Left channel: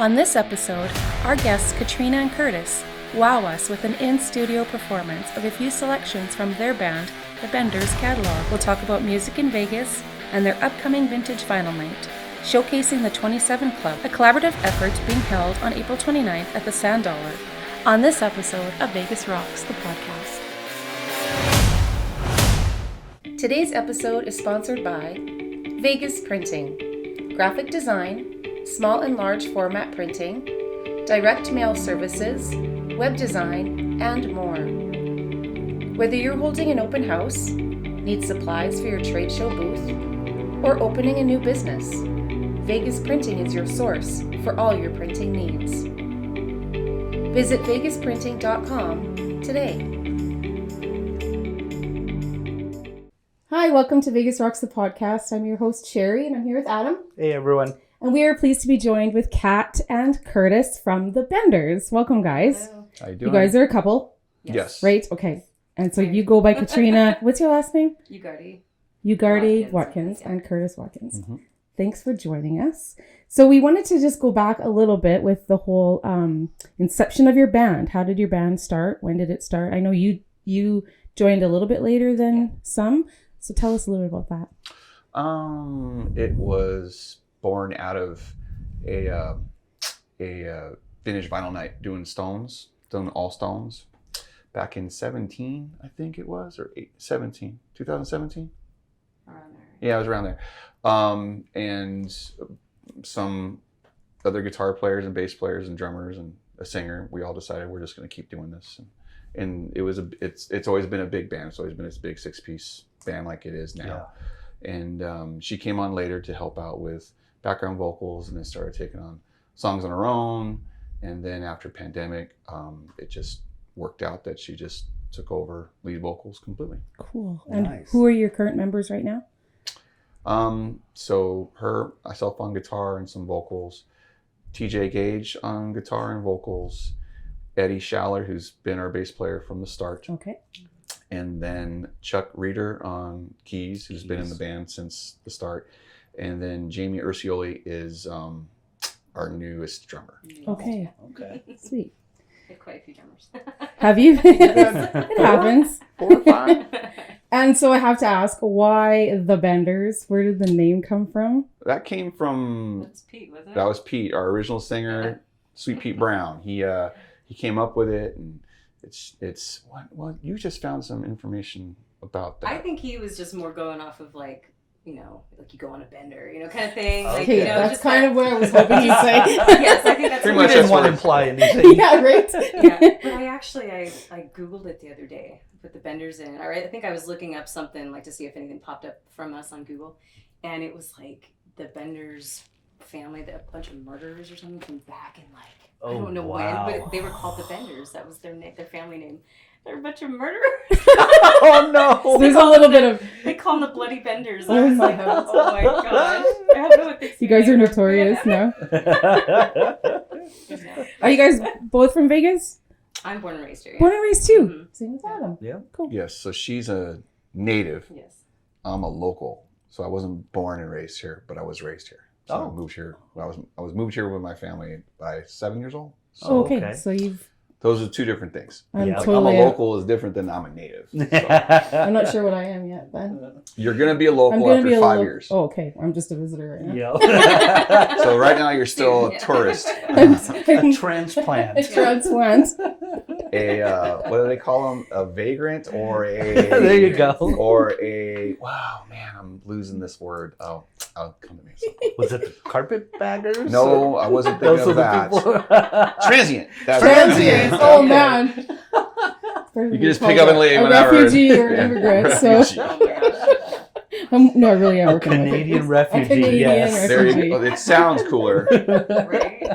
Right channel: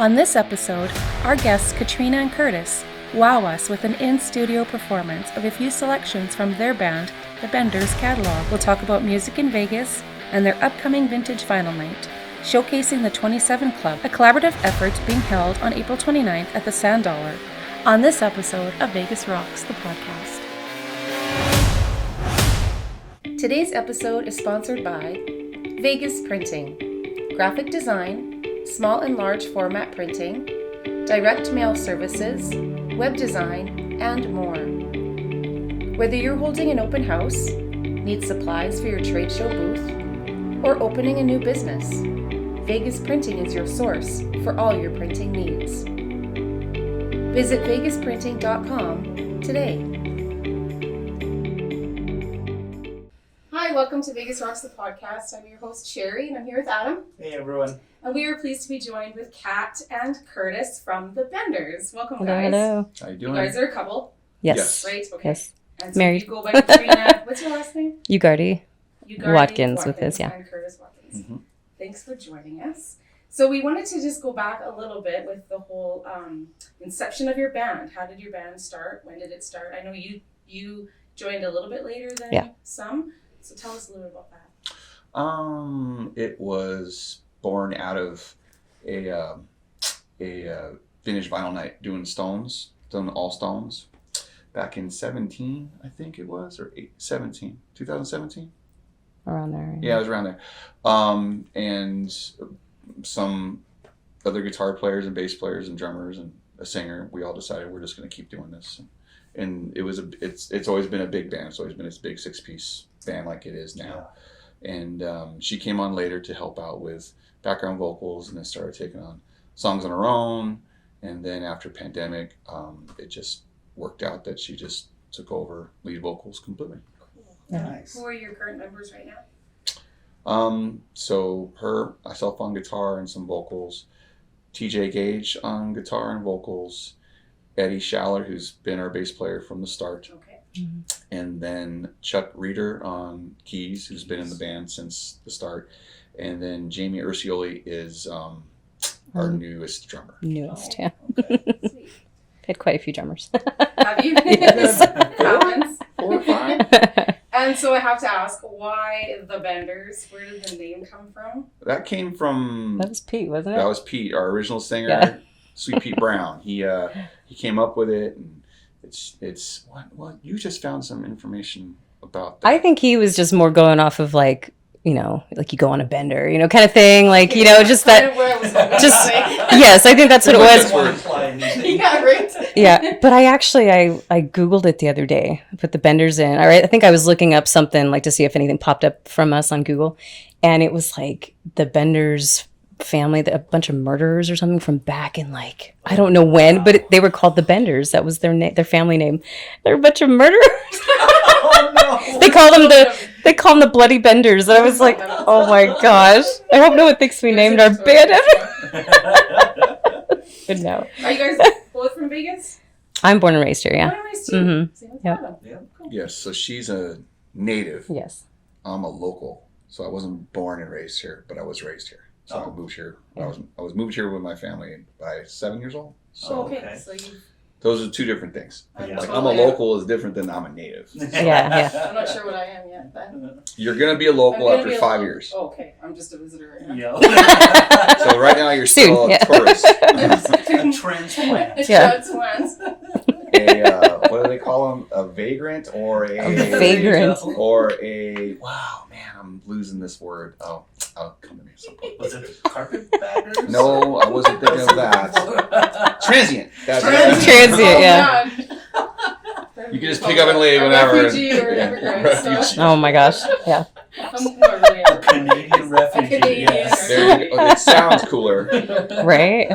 On this episode, our guests Katrina Curtis wow us with an in-studio performance of a few selections from their band, The Benders' catalog. We'll talk about music in Vegas and their upcoming vintage vinyl night, showcasing the 27 Club, a collaborative effort being held on April 29th at the Sand Dollar. On this episode of Vegas Rocks, the podcast. Today's episode is sponsored by Vegas Printing, graphic design, small and large format printing, direct mail services, web design, and more. Whether you're holding an open house, need supplies for your trade show booth, or opening a new business, Vegas Printing is your source for all your printing needs. Visit vegasprinting.com today. Hi, welcome to Vegas Rocks, the podcast. I'm your host, Sherry, and I'm here with Adam. Hey, everyone. And we are pleased to be joined with Kat and Curtis from The Benders. Welcome, guys. Hello. How you doing? You guys are a couple, Yes. right? Okay. Yes. And so Married. you go by Katrina. What's your last name? Ugardi. Watkins with this, yeah. And Curtis Watkins. Mm-hmm. Thanks for joining us. So we wanted to just go back a little bit with the whole inception of your band. How did your band start? When did it start? I know you joined a little bit later than some. So tell us a little bit about that. It was born out of a vintage vinyl night doing all stones back in 17, I think it was, or 2017. Around there. Yeah, it was around there. And some other guitar players and bass players and drummers and a singer, we all decided we're just going to keep doing this. And it was it's always been a big band. It's always been this big 6-piece band like it is now. Yeah. And she came on later to help out with background vocals, and then started taking on songs on her own. And then after pandemic, it just worked out that she just took over lead vocals completely. Cool. And who are your current members right now? So myself on guitar and some vocals, TJ Gage on guitar and vocals, Eddie Schaller, who's been our bass player from the start. Okay. Mm-hmm. And then Chuck Reeder on keys, who's been in the band since the start. And then Jamie Ursioli is our newest drummer. Okay. Sweet. Had quite a few drummers. Have you? Yes. It happens. 4 or 5. And so I have to ask, why The Benders? Where did the name come from? That came from... That was Pete, wasn't it? That was Pete, our original singer, Sweet Pete Brown. He came up with it, and it's what you just found some information about that. I think he was just more going off of like you go on a bender, kind of thing. Like, just that. Kind of where I was hoping to say. Yes, I think that's what it was. Yeah, right. Yeah, but I Googled it the other day. I put The Benders in. I think I was looking up something like to see if anything popped up from us on Google, and it was like The Benders family, a bunch of murderers or something from back in I don't know when, but they were called The Benders. That was their family name. They're a bunch of murderers. Oh no! They call them the Bloody Benders, and I was like, oh my gosh! I don't know what thinks we named our band. But no. Are you guys both from Vegas? I'm born and raised here. Yeah. Born and raised too. Mm-hmm. Same as Yep. Adam. Yeah. Cool. Yes. So she's a native. Yes. I'm a local. So I wasn't born and raised here, but I was raised here. So I moved here. I was moved here with my family by 7 years old. So okay. So those are two different things. I'm I'm a local is different than I'm a native. Yeah. I'm not sure what I am yet, but You're gonna be a local after 5 years. Oh, okay. I'm just a visitor right now. Yeah. So right now you're still a tourist. A transplant. Transplant. What do they call them? A vagrant or vagrant. Wow, man, I'm losing this word. Oh, I'll come to me. Was it carpetbaggers? No, I wasn't thinking of that. Transient. Transient, yeah. You can just pick up and leave whenever. Refugee or immigrant. So. Oh my gosh. Yeah. No, really, I'm Canadian refugee. Canadian yes. refugee. It sounds cooler. Right?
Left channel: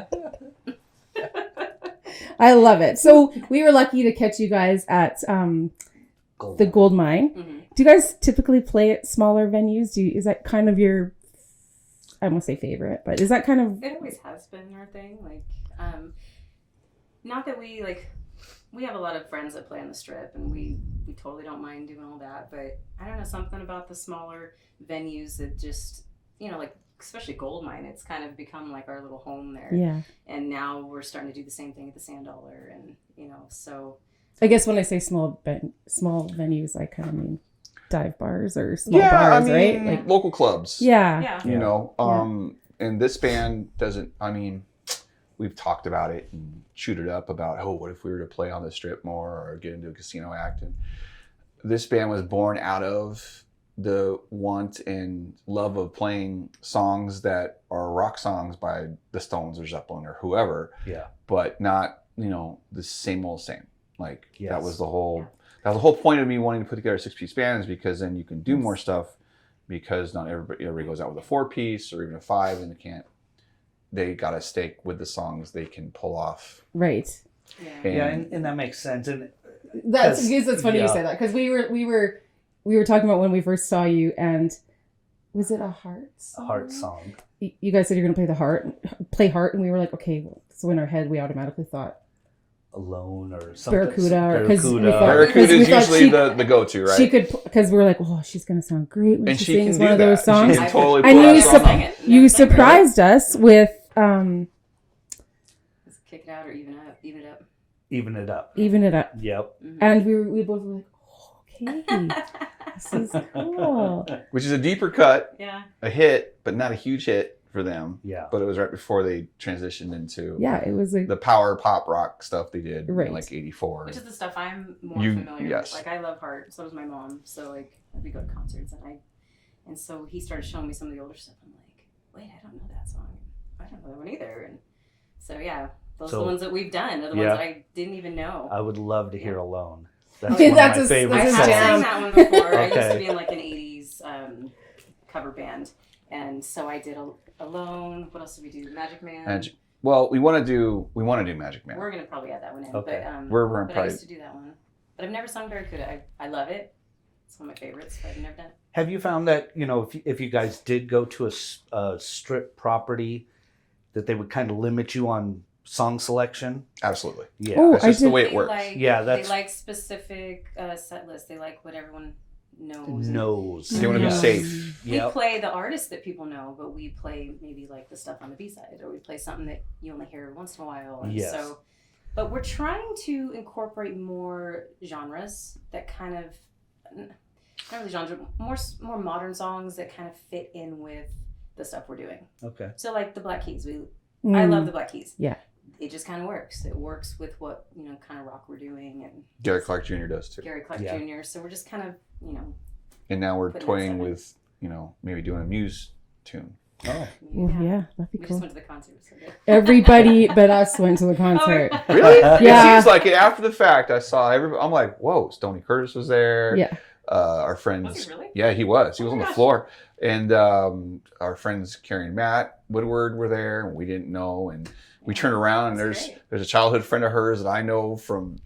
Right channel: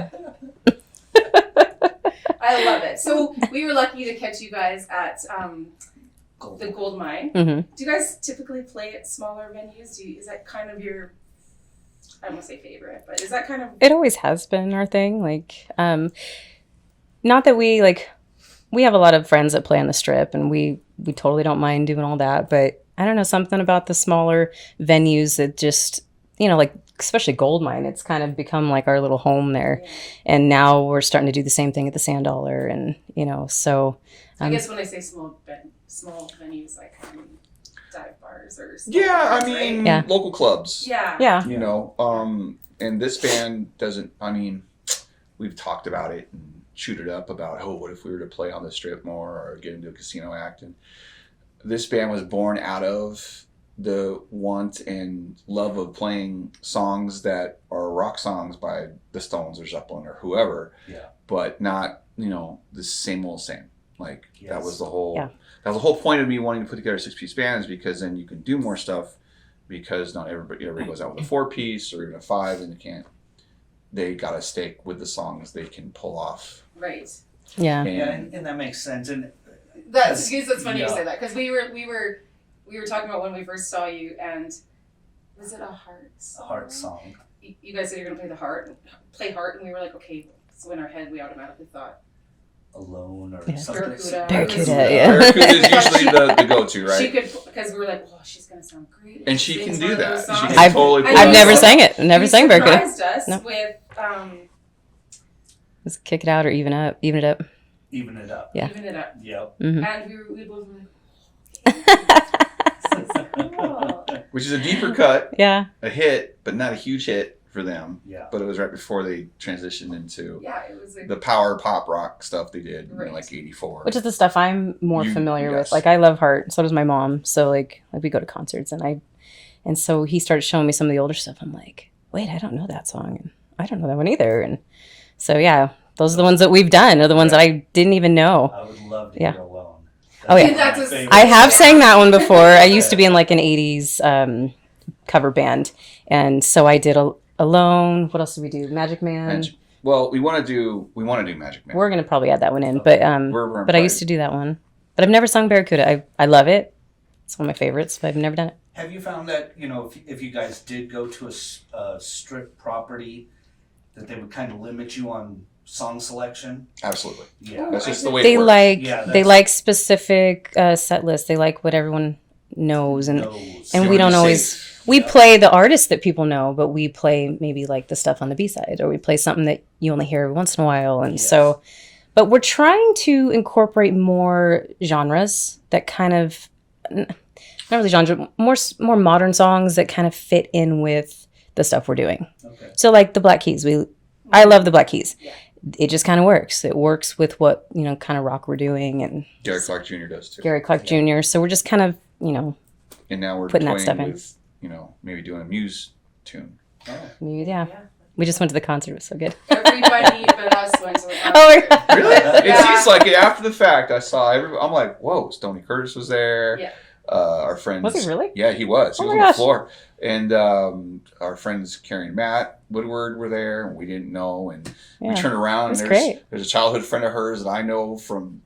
I love it. So we were lucky to catch you guys at the Gold Mine. Mm-hmm. Do you guys typically play at smaller venues? Is that kind of your, I won't say favorite, but is that kind of... It always has been our thing. Not that we have a lot of friends that play on the Strip, and we totally don't mind doing all that, but I don't know, something about the smaller venues that just, especially Goldmine, it's kind of become like our little home there. Yeah. And now we're starting to do the same thing at the Sand Dollar, and so. I guess when I say small venues, I kind of mean dive bars or small Yeah, bars, I mean, right? Yeah. local clubs. Yeah. Yeah. You know, and this band doesn't, I mean, we've talked about it and shoot it up about, oh, what if we were to play on the strip more or get into a casino act? And this band was born out of the want and love of playing songs that are rock songs by the Stones or Zeppelin or whoever, but not, you know, the same old same. Like that was the whole that was the whole point of me wanting to put together a 6-piece band, is because then you can do more stuff, because not everybody goes out with a 4-piece or even a 5, and they gotta stick with the songs they can pull off. Right. Yeah. And that makes sense. And That's funny you say that, because we were talking about when we first saw you, and was it a heart song? a heart song. You guys said you're gonna play heart, and we were like, okay. So in our head, we automatically thought Alone or something. Barracuda. Barracuda is usually the go-to, right? She could, because we were like, oh, she's gonna sound great when and she she can sings do one of that. those songs. I've totally And I've you never sang it. Never sang Barracuda. You surprised us with Let's kick it out or even it up. Even it up. Yeah. Even It Up. Yep. Mm-hmm. And we both were like, oh, Katie, this is cool. Which is a deeper cut, Yeah. a hit, but not a huge hit for them. Yeah. But it was right before they transitioned into It was the power pop rock stuff they did in Right. like 84. Which is the stuff I'm more familiar with. yes. Like I love Heart. So does my mom. So like we go to concerts, and so he started showing me some of the older stuff. I'm like, wait, I don't know that song, and I don't know that one either. And so those are the ones that we've done. Are the ones that I didn't even know. I would love to hear Alone. Oh, yeah. one of That's my a- favorites. I have Yeah. sang that one before. I used to be in like an 80s cover band, and so I did Alone. What else did we do? Magic Man. Well, we want to do Magic Man. We're gonna probably add that one in, Okay. but I used to do that one. But I've never sung Barracuda. I love it. It's one of my favorites, but I've never done it. Have you found that, you know, if you guys did go to a strip property, that they would kind of limit you on song selection? Absolutely. Yeah. Oh, That's I just the did- way it They works. like Yeah, they that's- like specific set lists. They like what everyone knows, and Knows. and You we wanna don't be always safe. we Yep. play the artists that people know, but we play maybe like the stuff on the B-side, or we play something that you only hear every once in a while. And Yes. so, but we're trying to incorporate more genres that kind of not really genre, more modern songs that kind of fit in with the stuff we're doing. Okay. So like the Black Keys, I love the Black Keys. Yeah. It just kind of works. It works with what, kind of rock we're doing, and Gary Clark Jr. does too. Gary Clark Jr. So we're just kind of, And now we're putting that toying stuff in. with, maybe doing a Muse tune. Oh. yeah. that'd be We just cool. went to the concert. It was so good. Everybody but us went to the concert. Oh, Really? Yeah. It's like after the fact, I saw everybody. I'm like, whoa, Stoney Curtis was there. Yeah. Our friends. Was he really? Yeah, he was. He Oh was my on the gosh. floor. And our friends Carrie and Matt Woodward were there, and we didn't know. And we Yeah. turned around, and That's there's great. a childhood friend of hers that I know from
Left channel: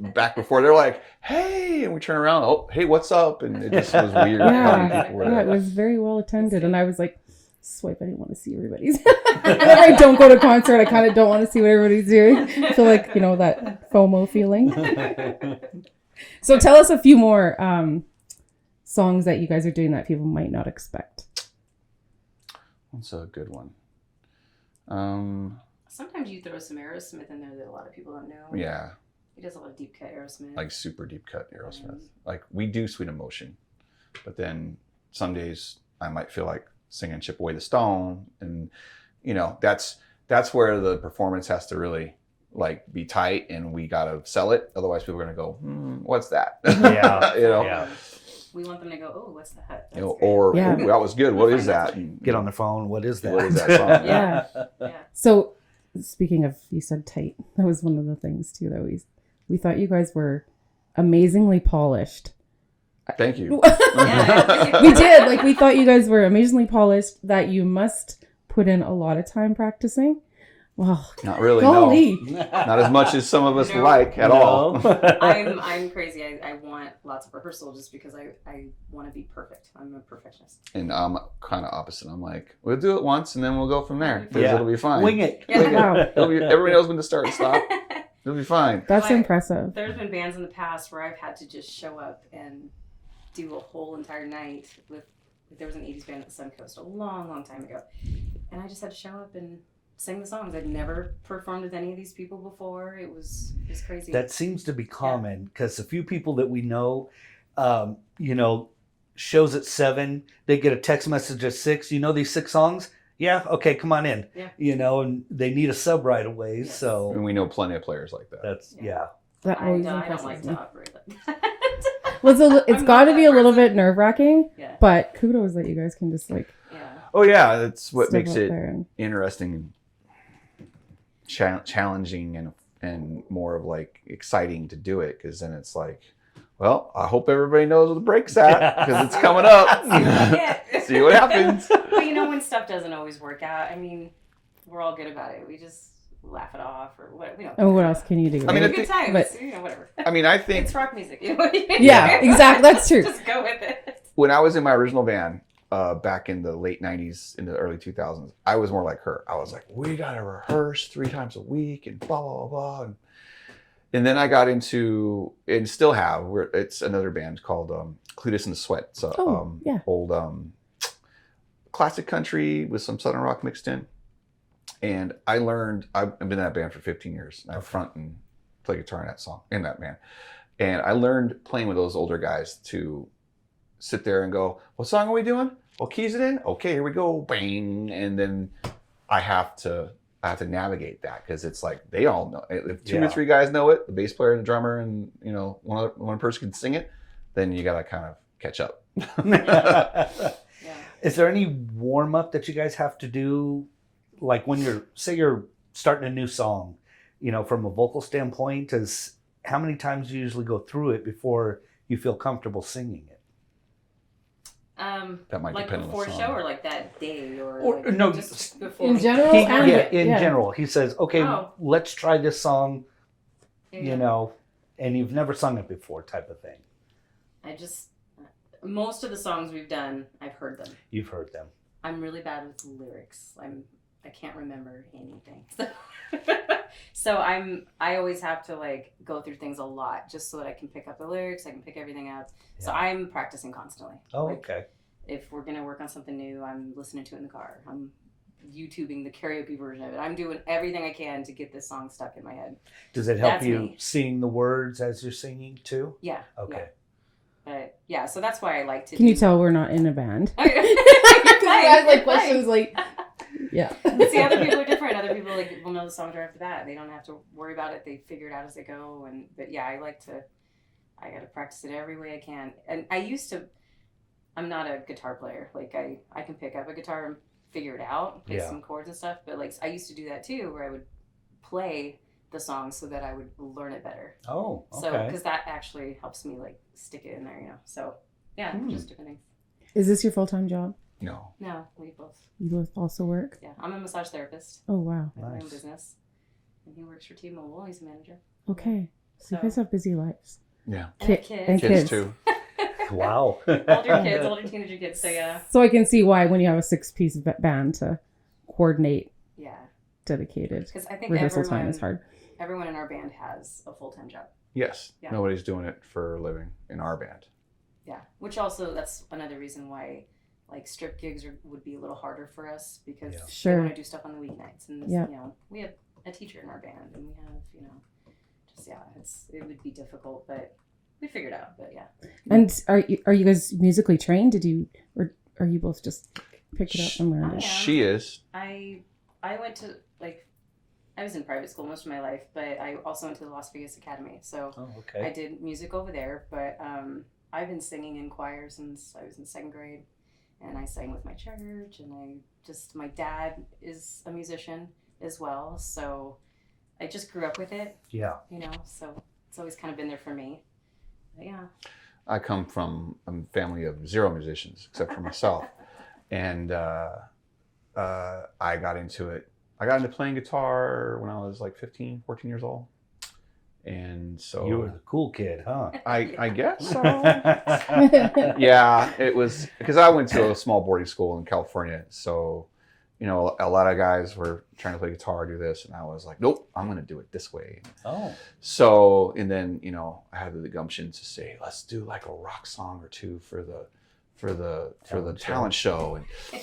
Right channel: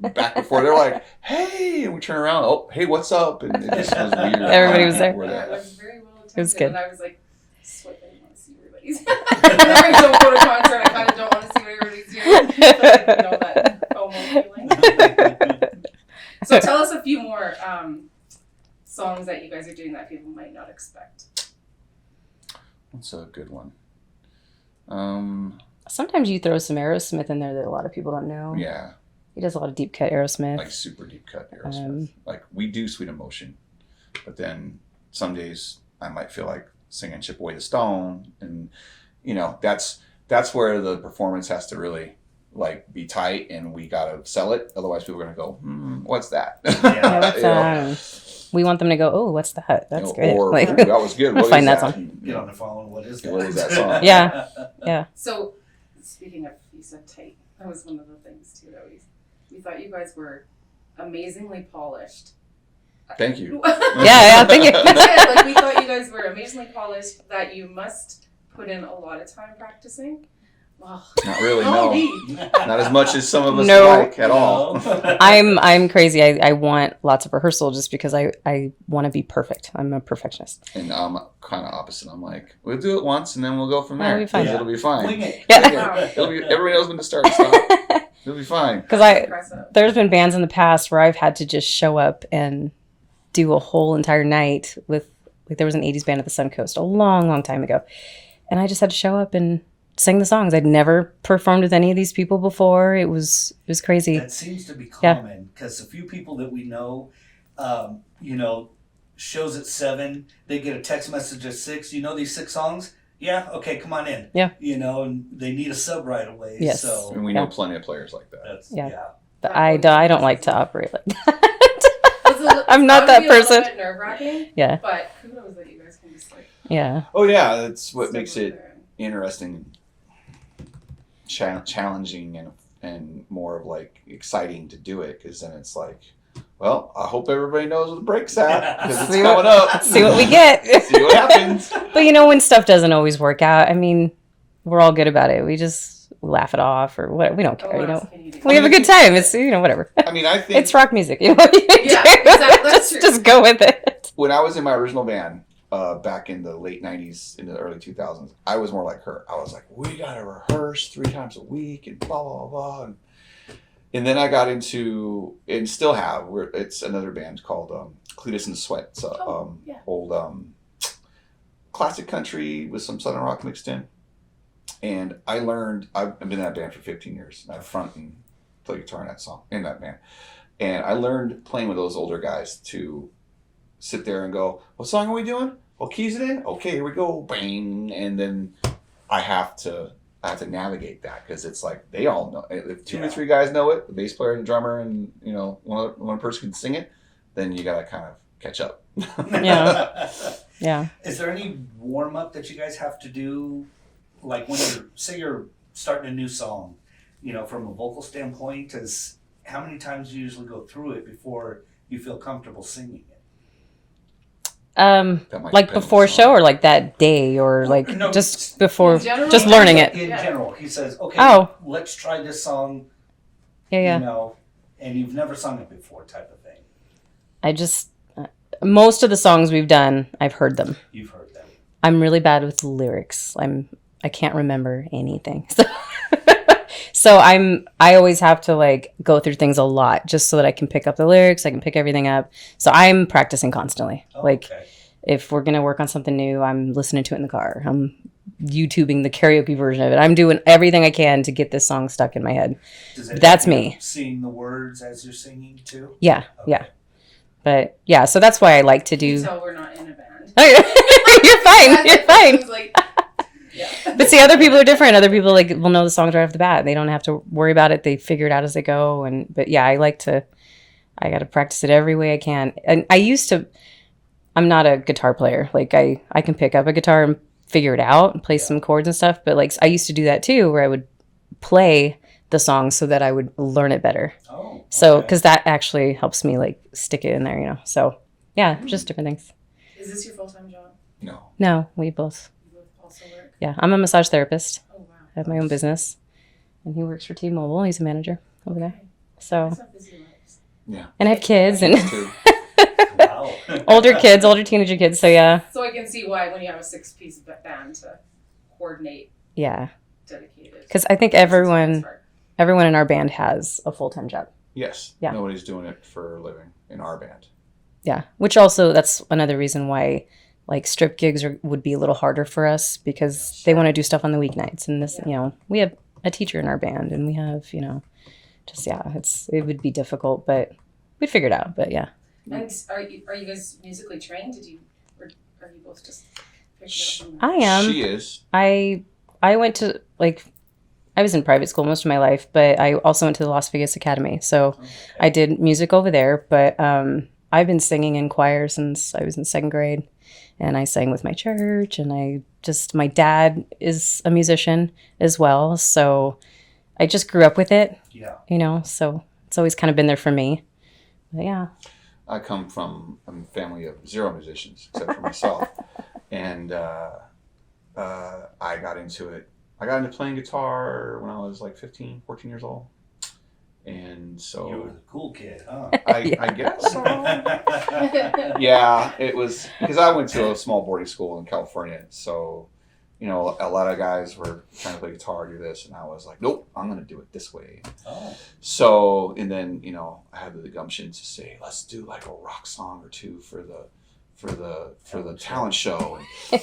back before. They're like, hey, and we turn around. Oh, hey, what's up? And it just was weird. Everybody was there. Yeah, it was very well attended, good. and I was like, swipe, I didn't want to see everybody's. Whenever I don't go to concert, I kind of don't want to see what everybody's doing. I feel like, that FOMO feeling. So tell us a few more songs that you guys are doing that people might not expect. That's a good one. Sometimes you throw some Aerosmith in there that a lot of people don't know. Yeah, He does a lot of deep cut Aerosmith. like super deep cut Aerosmith. Like we do Sweet Emotion, but then some days I might feel like singing Chip Away the Stone, and that's where the performance has to really be tight, and we gotta sell it. Otherwise, people are gonna go, "What's that?" Yeah. That's, we want them to go, oh, what's that? That's great. Or Like, that was good. What is Find that that? song. Get on the phone. What is that? What is that song? Yeah. Yeah. So speaking of, you said tight, that was one of the things too that we thought you guys were amazingly polished. Thank you. Yeah, thank you. We did. We thought you guys were amazingly polished, that you must put in a lot of time practicing. Wow. Not really. Holy. No, not as much as some of us No. like at all. I'm crazy. I want lots of rehearsal just because I want to be perfect. I'm a perfectionist. And I'm kind of opposite. I'm like, we'll do it once, and then we'll go from That'll there. be fine. Yeah. It'll be fine. Wing it. Yeah. Wow. Everybody knows when to start and stop. It'll be fine. That's impressive. There's been bands in the past where I've had to just show up and do a whole entire night with Like there was an 80s band at the Suncoast a long, long time ago. And I just had to show up and sing the songs. I'd never performed with any of these people before. It was crazy. That seems to be common because a few people that we know, shows at 7, they get a text message at 6. You know these 6 songs? Yeah, okay, come on in. Yeah. And they need a sub right away. Yes. So And we know plenty of players like that. that's But I don't like to operate like that. I'm not that person. A little bit nerve-wracking. Yeah. But kudos that you guys can just Yeah. Oh yeah, that's what step makes up it there and- interesting, challenging, and more of like exciting to do it, because then it's like, well, I hope everybody knows where the break's at because it's coming up. See what we get. See what happens. But when stuff doesn't always work out, I mean, we're all good about it. We just laugh it off or whatever. We don't care. what else can you do? We have a good time. It's whatever. I mean, I think It's rock music. Yeah, exactly. That's true. Just go with it. when I was in my original band back in the late 90s into the early 2000s, I was more like her. I was like, we gotta rehearse 3 times a week and blah blah blah. And then I got into, and still have, it's another band called Cletus and Sweat. It's a old classic country with some southern rock mixed in. And I learned, I've been in that band for 15 years. I front and play guitar in that band. And I learned playing with those older guys to sit there and go, what song are we doing? What keys it in? Okay, here we go. Bang. And then I have to navigate that, because it's like they all know. If 2 or 3 guys know it, the bass player and the drummer, and one person can sing it, then you gotta kind of catch up. Yeah. Is there any warm up that you guys have to do, like when you're starting a new song, from a vocal standpoint? Is how many times do you usually go through it before you feel comfortable singing it? Like before show, or like that day, or just before, general? just learning it. In general, he says, okay, let's try this song. Yeah. And you've never sung it before, type of thing. I just, most of the songs we've done, I've heard them. You've heard them. I'm really bad with lyrics. I can't remember anything. So I always have to go through things a lot just so that I can pick up the lyrics. I can pick everything up. So I'm practicing constantly. Okay. If we're going to work on something new, I'm listening to it in the car. I'm YouTubing the karaoke version of it. I'm doing everything I can to get this song stuck in my head. That's me. Seeing the words as you're singing too? Yeah. Okay. Yeah. But yeah, so that's why I like to do. Can you tell we're not in a band? You're fine. You're fine. Yeah. But see, other people are different. Other people will know the songs right off the bat. They don't have to worry about it. They figure it out as they go. But yeah, I got to practice it every way I can. And I'm not a guitar player. I can pick up a guitar and figure it out and play some chords and stuff. But I used to do that too, where I would play the song so that I would learn it better. Oh. Okay. So, because that actually helps me stick it in there, So yeah, just different things. Is this your full-time job? No, we both. You both also work? Yeah, I'm a massage therapist. Oh, wow. I have my own business. And he works for T-Mobile. He's a manager over there. Okay. So, You guys have busy lives. Yeah. and I have kids Me and too. Wow. older teenager kids. So yeah. So I can see why when you have a 6-piece band to coordinate Yeah. dedicated. Because I think This is when it's everyone in our band has a full-time job. Yes. Yeah. Nobody's doing it for a living in our band. Yeah. Which also, that's another reason why strip gigs would be a little harder for us, because they want to do stuff on the weeknights. And this, we have a teacher in our band, and we have, it would be difficult, but we'd figure it out. But yeah. And are you guys musically trained? Or are you both just pick it up somewhere? I am. She is. I went to I was in private school most of my life, but I also went to the Las Vegas Academy. So I did music over there, but I've been singing in choir since I was in 2nd grade, and I sang with my church, and my dad is a musician as well. So I just grew up with it. Yeah. So it's always kind of been there for me. But yeah. I come from a family of 0 musicians, except for myself. And I got into it. I got into playing guitar when I was 15, 14 years old. And so... You were the cool kid, huh? I guess so. Yeah, it was... Because I went to a small boarding school in California. So, a lot of guys were trying to play guitar, do this. And I was like, nope, I'm going to do it this way. Oh. So, and then, I had the gumption to say, let's do a rock song or two for the talent show, and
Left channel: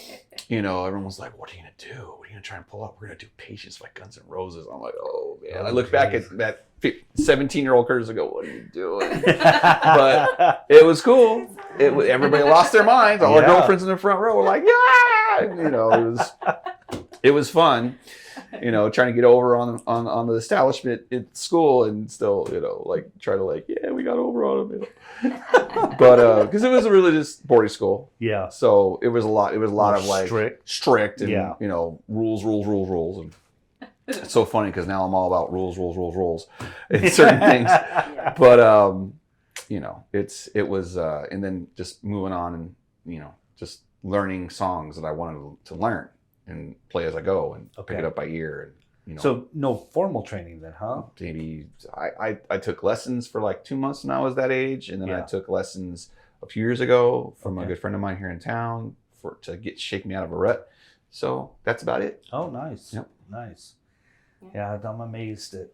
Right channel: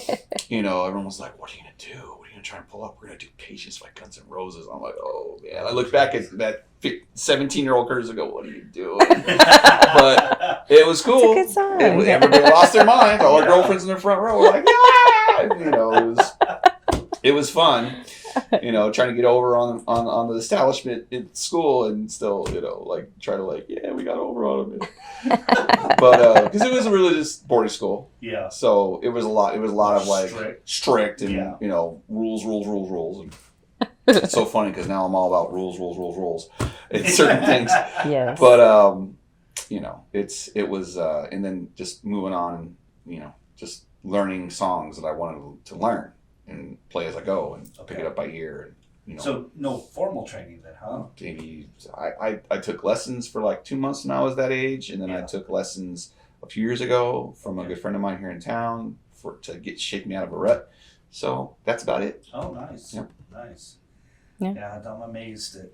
you know, everyone was like, "What are you gonna do? What are you gonna try and pull up? We're gonna do Patience by Guns N' Roses." I'm like, "Oh man!" I look back at that 17-year-old Curtis and go, "What are you doing?" But it was cool. It's a good song. Everybody lost their minds. All the girlfriends in the front row were like, "Yeah!" You know, it was fun. You know, trying to get over on the establishment in school and still, you know, like try to like, yeah, we got over on them. But because it was a religious boarding school, Yeah. so it was a lot of like strict and Yeah. you know, rules. And it's so funny because now I'm all about rules in certain things. Yes. But you know, it was and then just moving on and you know, just learning songs that I wanted to learn and play as I go and pick it up by ear. And, you know, So no formal training then, huh? maybe I took lessons for like 2 months when I was that age, and then I took lessons a few years ago from a good friend of mine here in town to shake me out of a rut. So that's about it. Oh, nice. Yep. Nice. Yeah. I'm amazed that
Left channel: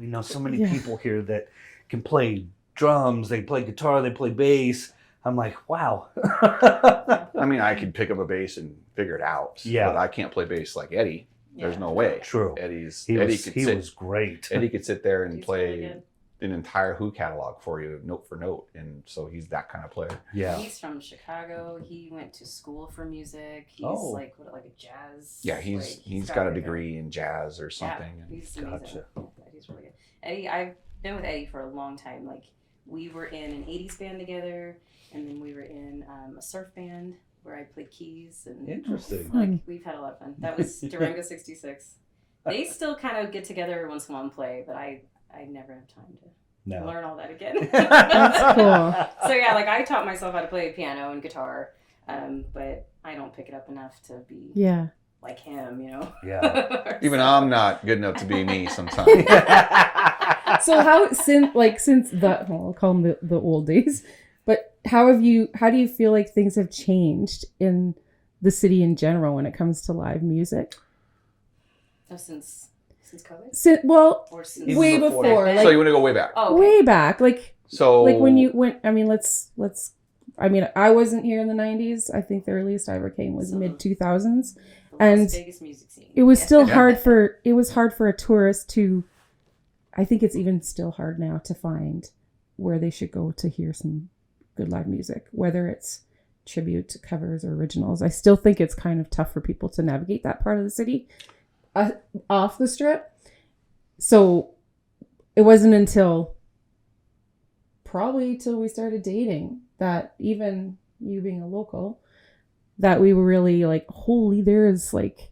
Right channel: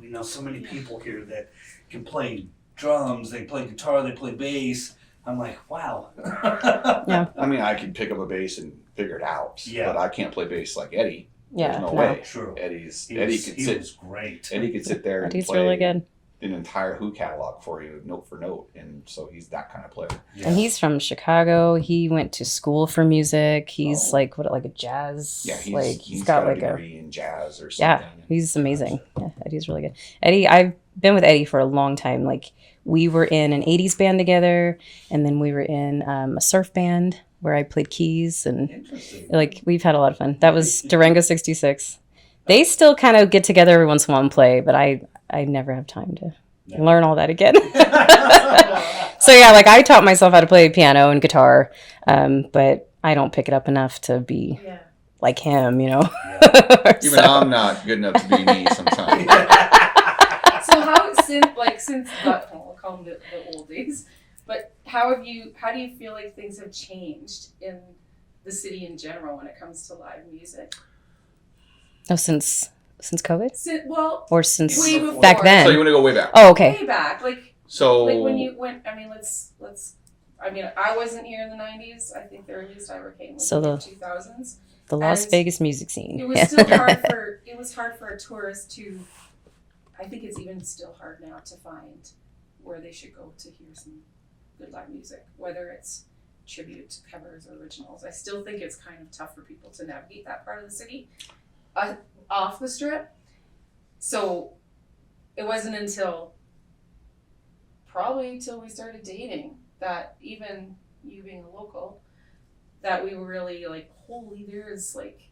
we know so many people here that can play drums, they play guitar, they play bass. I'm like, wow. Yeah. I mean, I can pick up a bass and figure it out. Yeah. But I can't play bass like Eddie. Yeah. There's no way. True. Eddie was great. Eddie could sit there and He's play really good. an entire Who catalog for you, note for note, and so he's that kind of player. Yeah. And he's from Chicago. He went to school for music. He's like a jazz. Yeah, he's got got a like degree in jazz or Yeah, something. he's amazing. Yeah, Eddie's really good. Eddie, I've been with Eddie for a long time. Like we were in an 80s band together, and then we were in a surf band where I played keys, and Interesting. like we've had a lot of fun. That was Durango 66. They still kind of get together every once in a while and play, but I never have time to learn all that again. So yeah, like I taught myself how to play piano and guitar, but I don't pick it up enough to be like him, you know. Yeah. Even I'm not good enough to be me sometimes. So how since the I'll call them the old days, but how do you feel like things have changed in the city in general when it comes to live music? Oh, since COVID? Or since way before. back then? So you want to go way back? Oh, okay. Way back, like So when you went. I mean, let's. I mean, I wasn't here in the '90s. I think the earliest I ever came was in the 2000s. The Las Vegas music scene. It was still hard for a tourist to. I think it's even still hard now to find where they should go to hear some good live music, whether it's tribute, covers, or originals. I still think it's kind of tough for people to navigate that part of the city off the strip. So it wasn't until probably till we started dating that, even you being a local, that we were really like, holy, there's like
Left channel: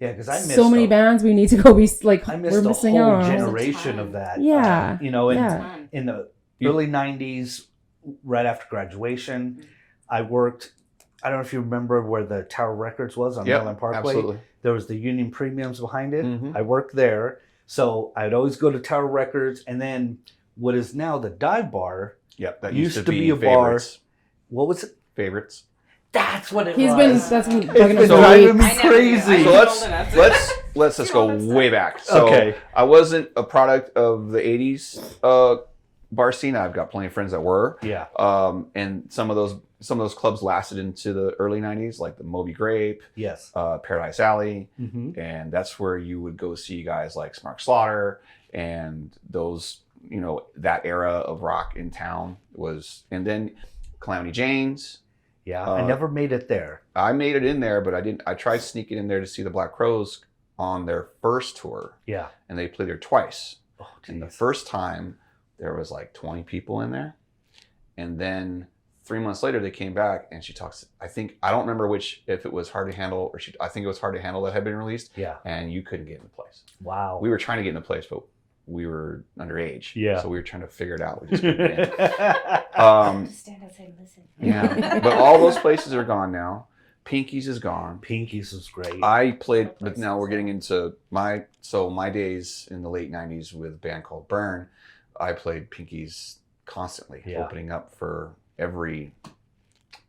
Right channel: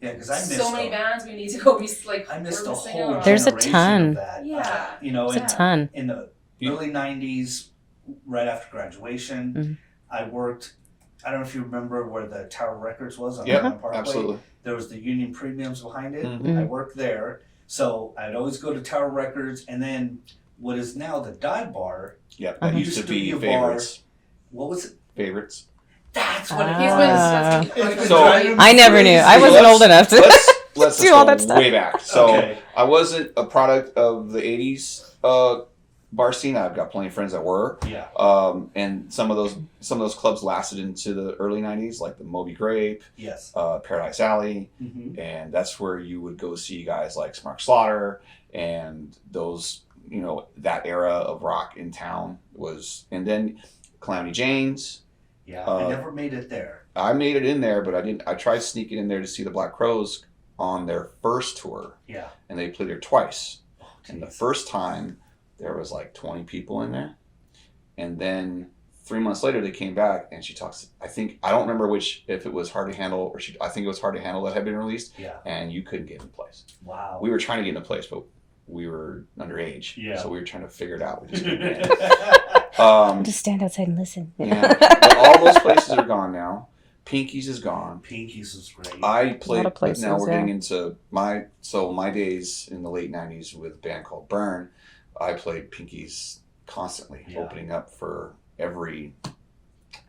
because I missed so many bands we need to go be like, we're missing out. There's a ton. Of that. Yeah. You know, There's a ton. In the early 90s, right after graduation, I worked, I don't know if you remember where the Tower Records was on Highland Parkway. Absolutely. There was the Union Premiums behind it. Mm-hmm. I worked there. So I'd always go to Tower Records, and then what is now the Dive Bar. Yeah, that used to be a Favorites. bar. What was it? Favorites. That's what it He's was. been So I never knew. I wasn't old enough to let's do all that just stuff. go way back. So Okay. I wasn't a product of the 80s bar scene. I've got plenty of friends that were. Yeah. And some of those clubs lasted into the early 90s, like the Moby Grape, Yes. Paradise Alley, Mm-hmm. and that's where you would go see guys like Smart Slaughter and those, you know, that era of rock in town was, and then Calamity Jane's. Yeah. I never made it there. I made it in there, but I tried sneaking in there to see the Black Crowes on their first tour, Yeah. and they played there twice. Oh, And the geez. first time there was like 20 people in there, and then 3 months later they came back and she talks. I don't remember if it was Hard to Handle or I think it was Hard to Handle that had been released. Yeah. And you couldn't get in the place. Wow. We were trying to get in the place, but we were underage. Yeah. So we were trying to figure it out. We just couldn't get in. Just stand outside and listen. Yeah. But all those places are gone now. Pinky's is gone. Pinky's was great. I played, of places, now we're yeah. getting into my days in the late 90s with a band called Burn. I played Pinky's constantly, opening up for every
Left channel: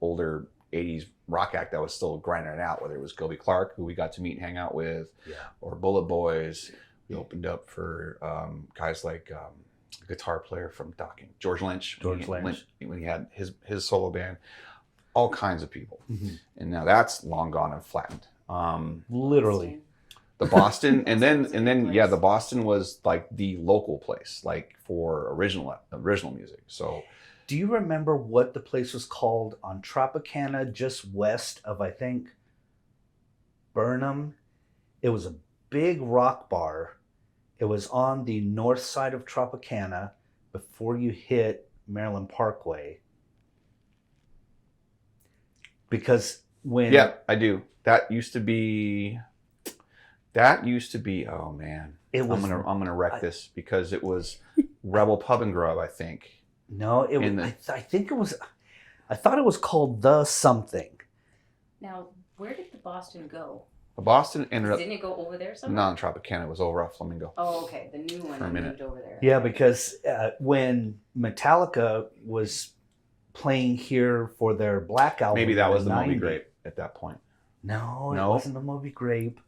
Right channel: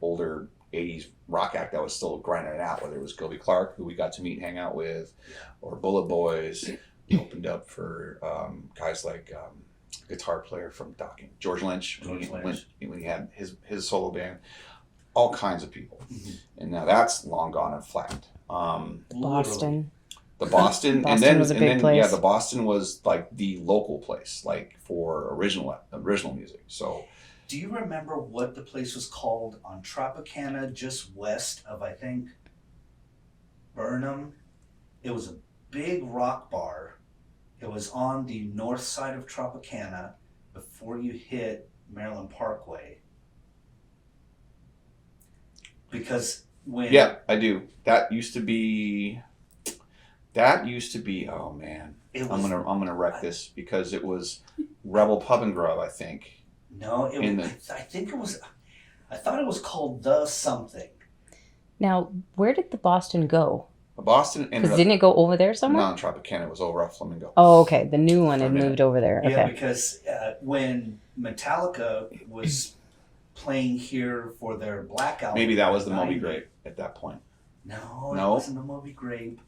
older 80s rock act that was still grinding it out, whether it was Gilby Clarke, who we got to meet and hang out with, or Bullet Boys. We opened up for guys like guitar player from Docking, George Lynch. When he had his solo band. all kinds of people. And now that's long gone and flattened. Literally. Boston. The Boston, Boston and then was a big place. yeah, the Boston was like the local place, like for original music. So, Do you remember what the place was called on Tropicana, just west of, I think, Burnham? It was a big rock bar. It was on the north side of Tropicana before you hit Maryland Parkway. Because when... yeah, I do. That used to be. Oh man, It was, I'm gonna wreck this because it was Rebel Pub and Grub, I think. No, it was, I think it was... I thought it was called The Something. Now, where did the Boston go? The Boston ended Because up didn't it go over there somewhere? not in Tropicana. It was over at Flamingo. Oh, okay. The new one had For a minute. moved over there. Yeah, Okay. because when Metallica was playing here for their Black album... Maybe that was the in Moby 90. Grape at that point. No, it No? wasn't the Moby Grape.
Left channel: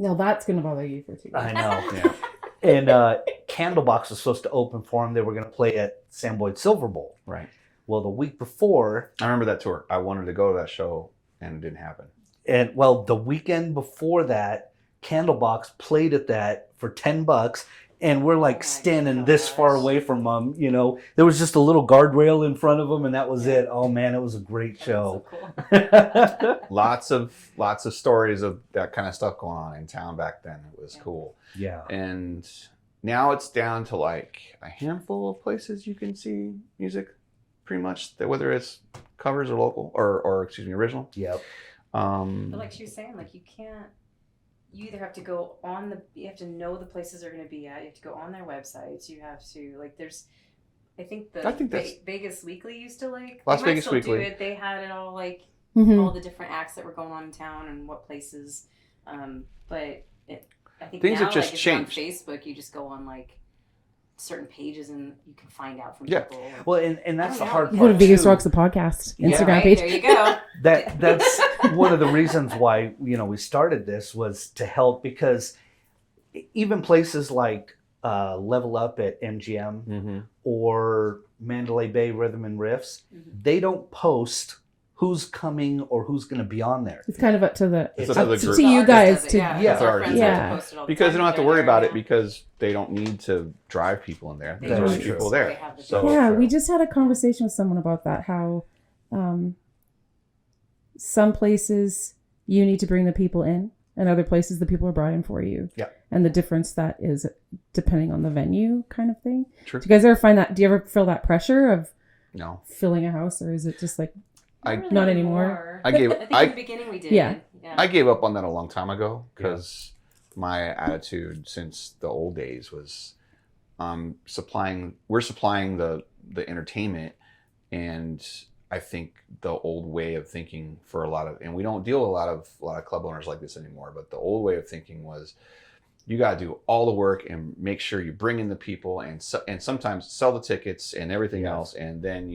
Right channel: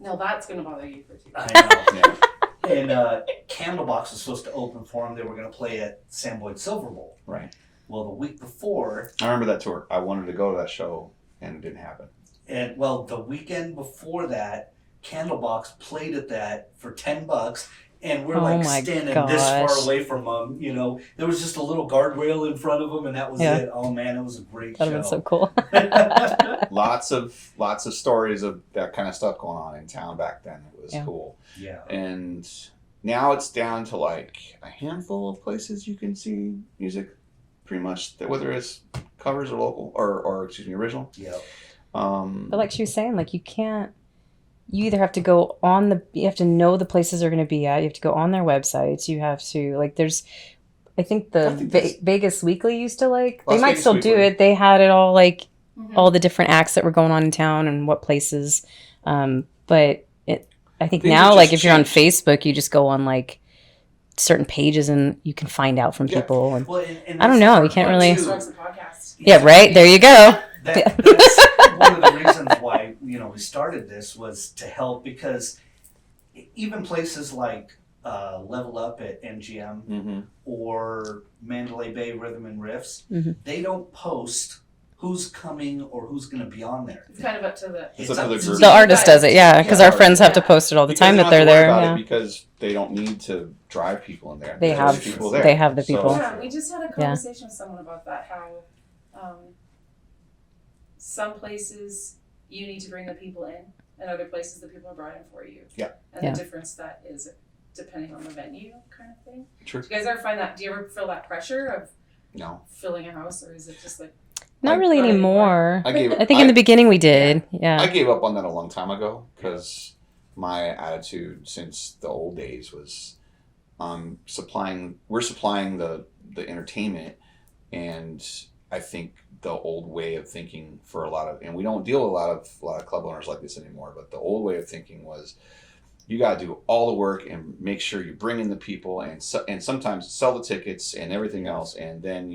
Now that's gonna bother you for 2 I days. know. And Candlebox was supposed to open for them. They were going to play at Sam Boyd Silver Bowl. Right. Well, the week before, I remember that tour. I wanted to go to that show, and it didn't happen. and well, the weekend before that, Candlebox played at that for $10, and we're Oh like my standing this far gosh. away from them. You know, there was just a little guardrail in front of them, and that was Yeah. it. Oh man, it was a great That show. was so cool. Lots of stories of that kind of stuff going on in town back then. It was Yeah. cool. Yeah. And now it's down to like a handful of places you can see music, pretty much, whether it's covers or local or excuse me, original. Yep. But like she was saying, like you either have to go on you have to know the places they're going to be at. You have to go on their websites. You have to I think that's- Vegas Weekly used to they Las might Vegas still do Weekly. it. They had it all Mhm. all the different acts that were going on in town and what places. But I think Things now, have like just if you're on changed. Facebook, you just go on certain pages and you can find out from Yeah. people. And, Well, and I don't that's know, the you hard can't One of part, the really- biggest rocks the podcast. yeah, right. There you go. That's one of the reasons why we started this was to help, because even places like Level Up at MGM Mm-hmm. or Mandalay Bay Rhythm and Riffs, Mhm. they don't post who's coming or who's going to be on there. It's kind of up to the It's It's up up to the to group. The you artist guys does it, to- yeah, because our yeah. friends have to Yeah. post it all the Because time they that don't have they're to worry there. about Yeah. it because they don't need to drive people in there. They There's have people there. they have the people. Yeah, we just had a conversation with someone about that. How some places you need to bring the people in, and other places the people are brought in for you. Yeah. And the Yeah. difference that is depending on the venue, kind of thing. True. Do you guys ever find that? Do you ever feel that pressure of No. filling a house, or is it just like Not really Not anymore. anymore. I think in the beginning we did. Yeah. I gave up on that a long time ago because my attitude since the old days was we're supplying the entertainment, and I think the old way of thinking for a lot of, and we don't deal with a lot of club owners like this anymore, but the old way of thinking was you got to do all the work and make sure you bring in the people and sometimes sell the tickets and everything else, and then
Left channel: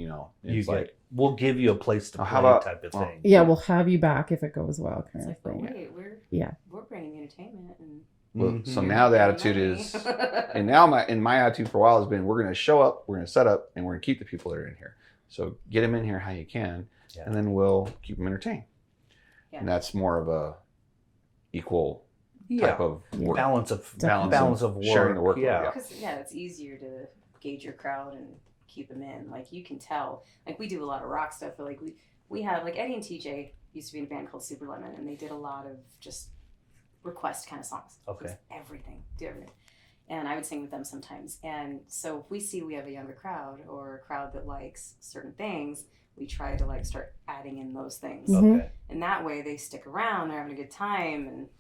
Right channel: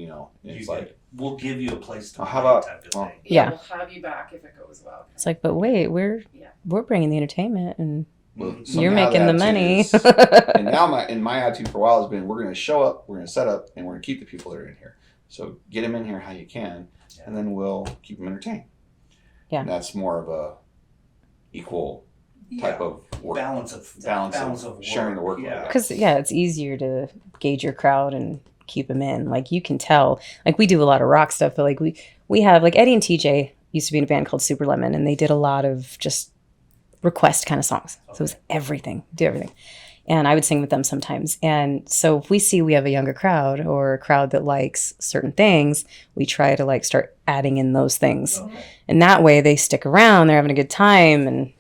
it's we'll give you a place to Oh, play, how about- type of oh. thing. yeah, Yeah. we'll have you back if it goes well. It's like, but wait, we're Yeah. bringing the entertainment and Well, Mhm. so you're now making the attitude money. is- and now my attitude for a while has been, we're going to show up, we're going to set up, and we're going to keep the people that are in here. So get them in here how you can, Yeah. and then we'll keep them entertained. Yeah. And that's more of a equal type Yeah. of work. Balance of work. sharing the workload, Yeah. yeah. Because it's easier to gauge your crowd and keep them in. Like you can tell. Like we do a lot of rock stuff, but like we have like Eddie and TJ used to be in a band called Super Lemon, and they did a lot of just request kind of songs. So it was everything, do everything. And I would sing with them sometimes. And so if we see we have a younger crowd or a crowd that likes certain things, we try to like start adding in those things. Mhm. And that way they stick around, they're having a good time. And,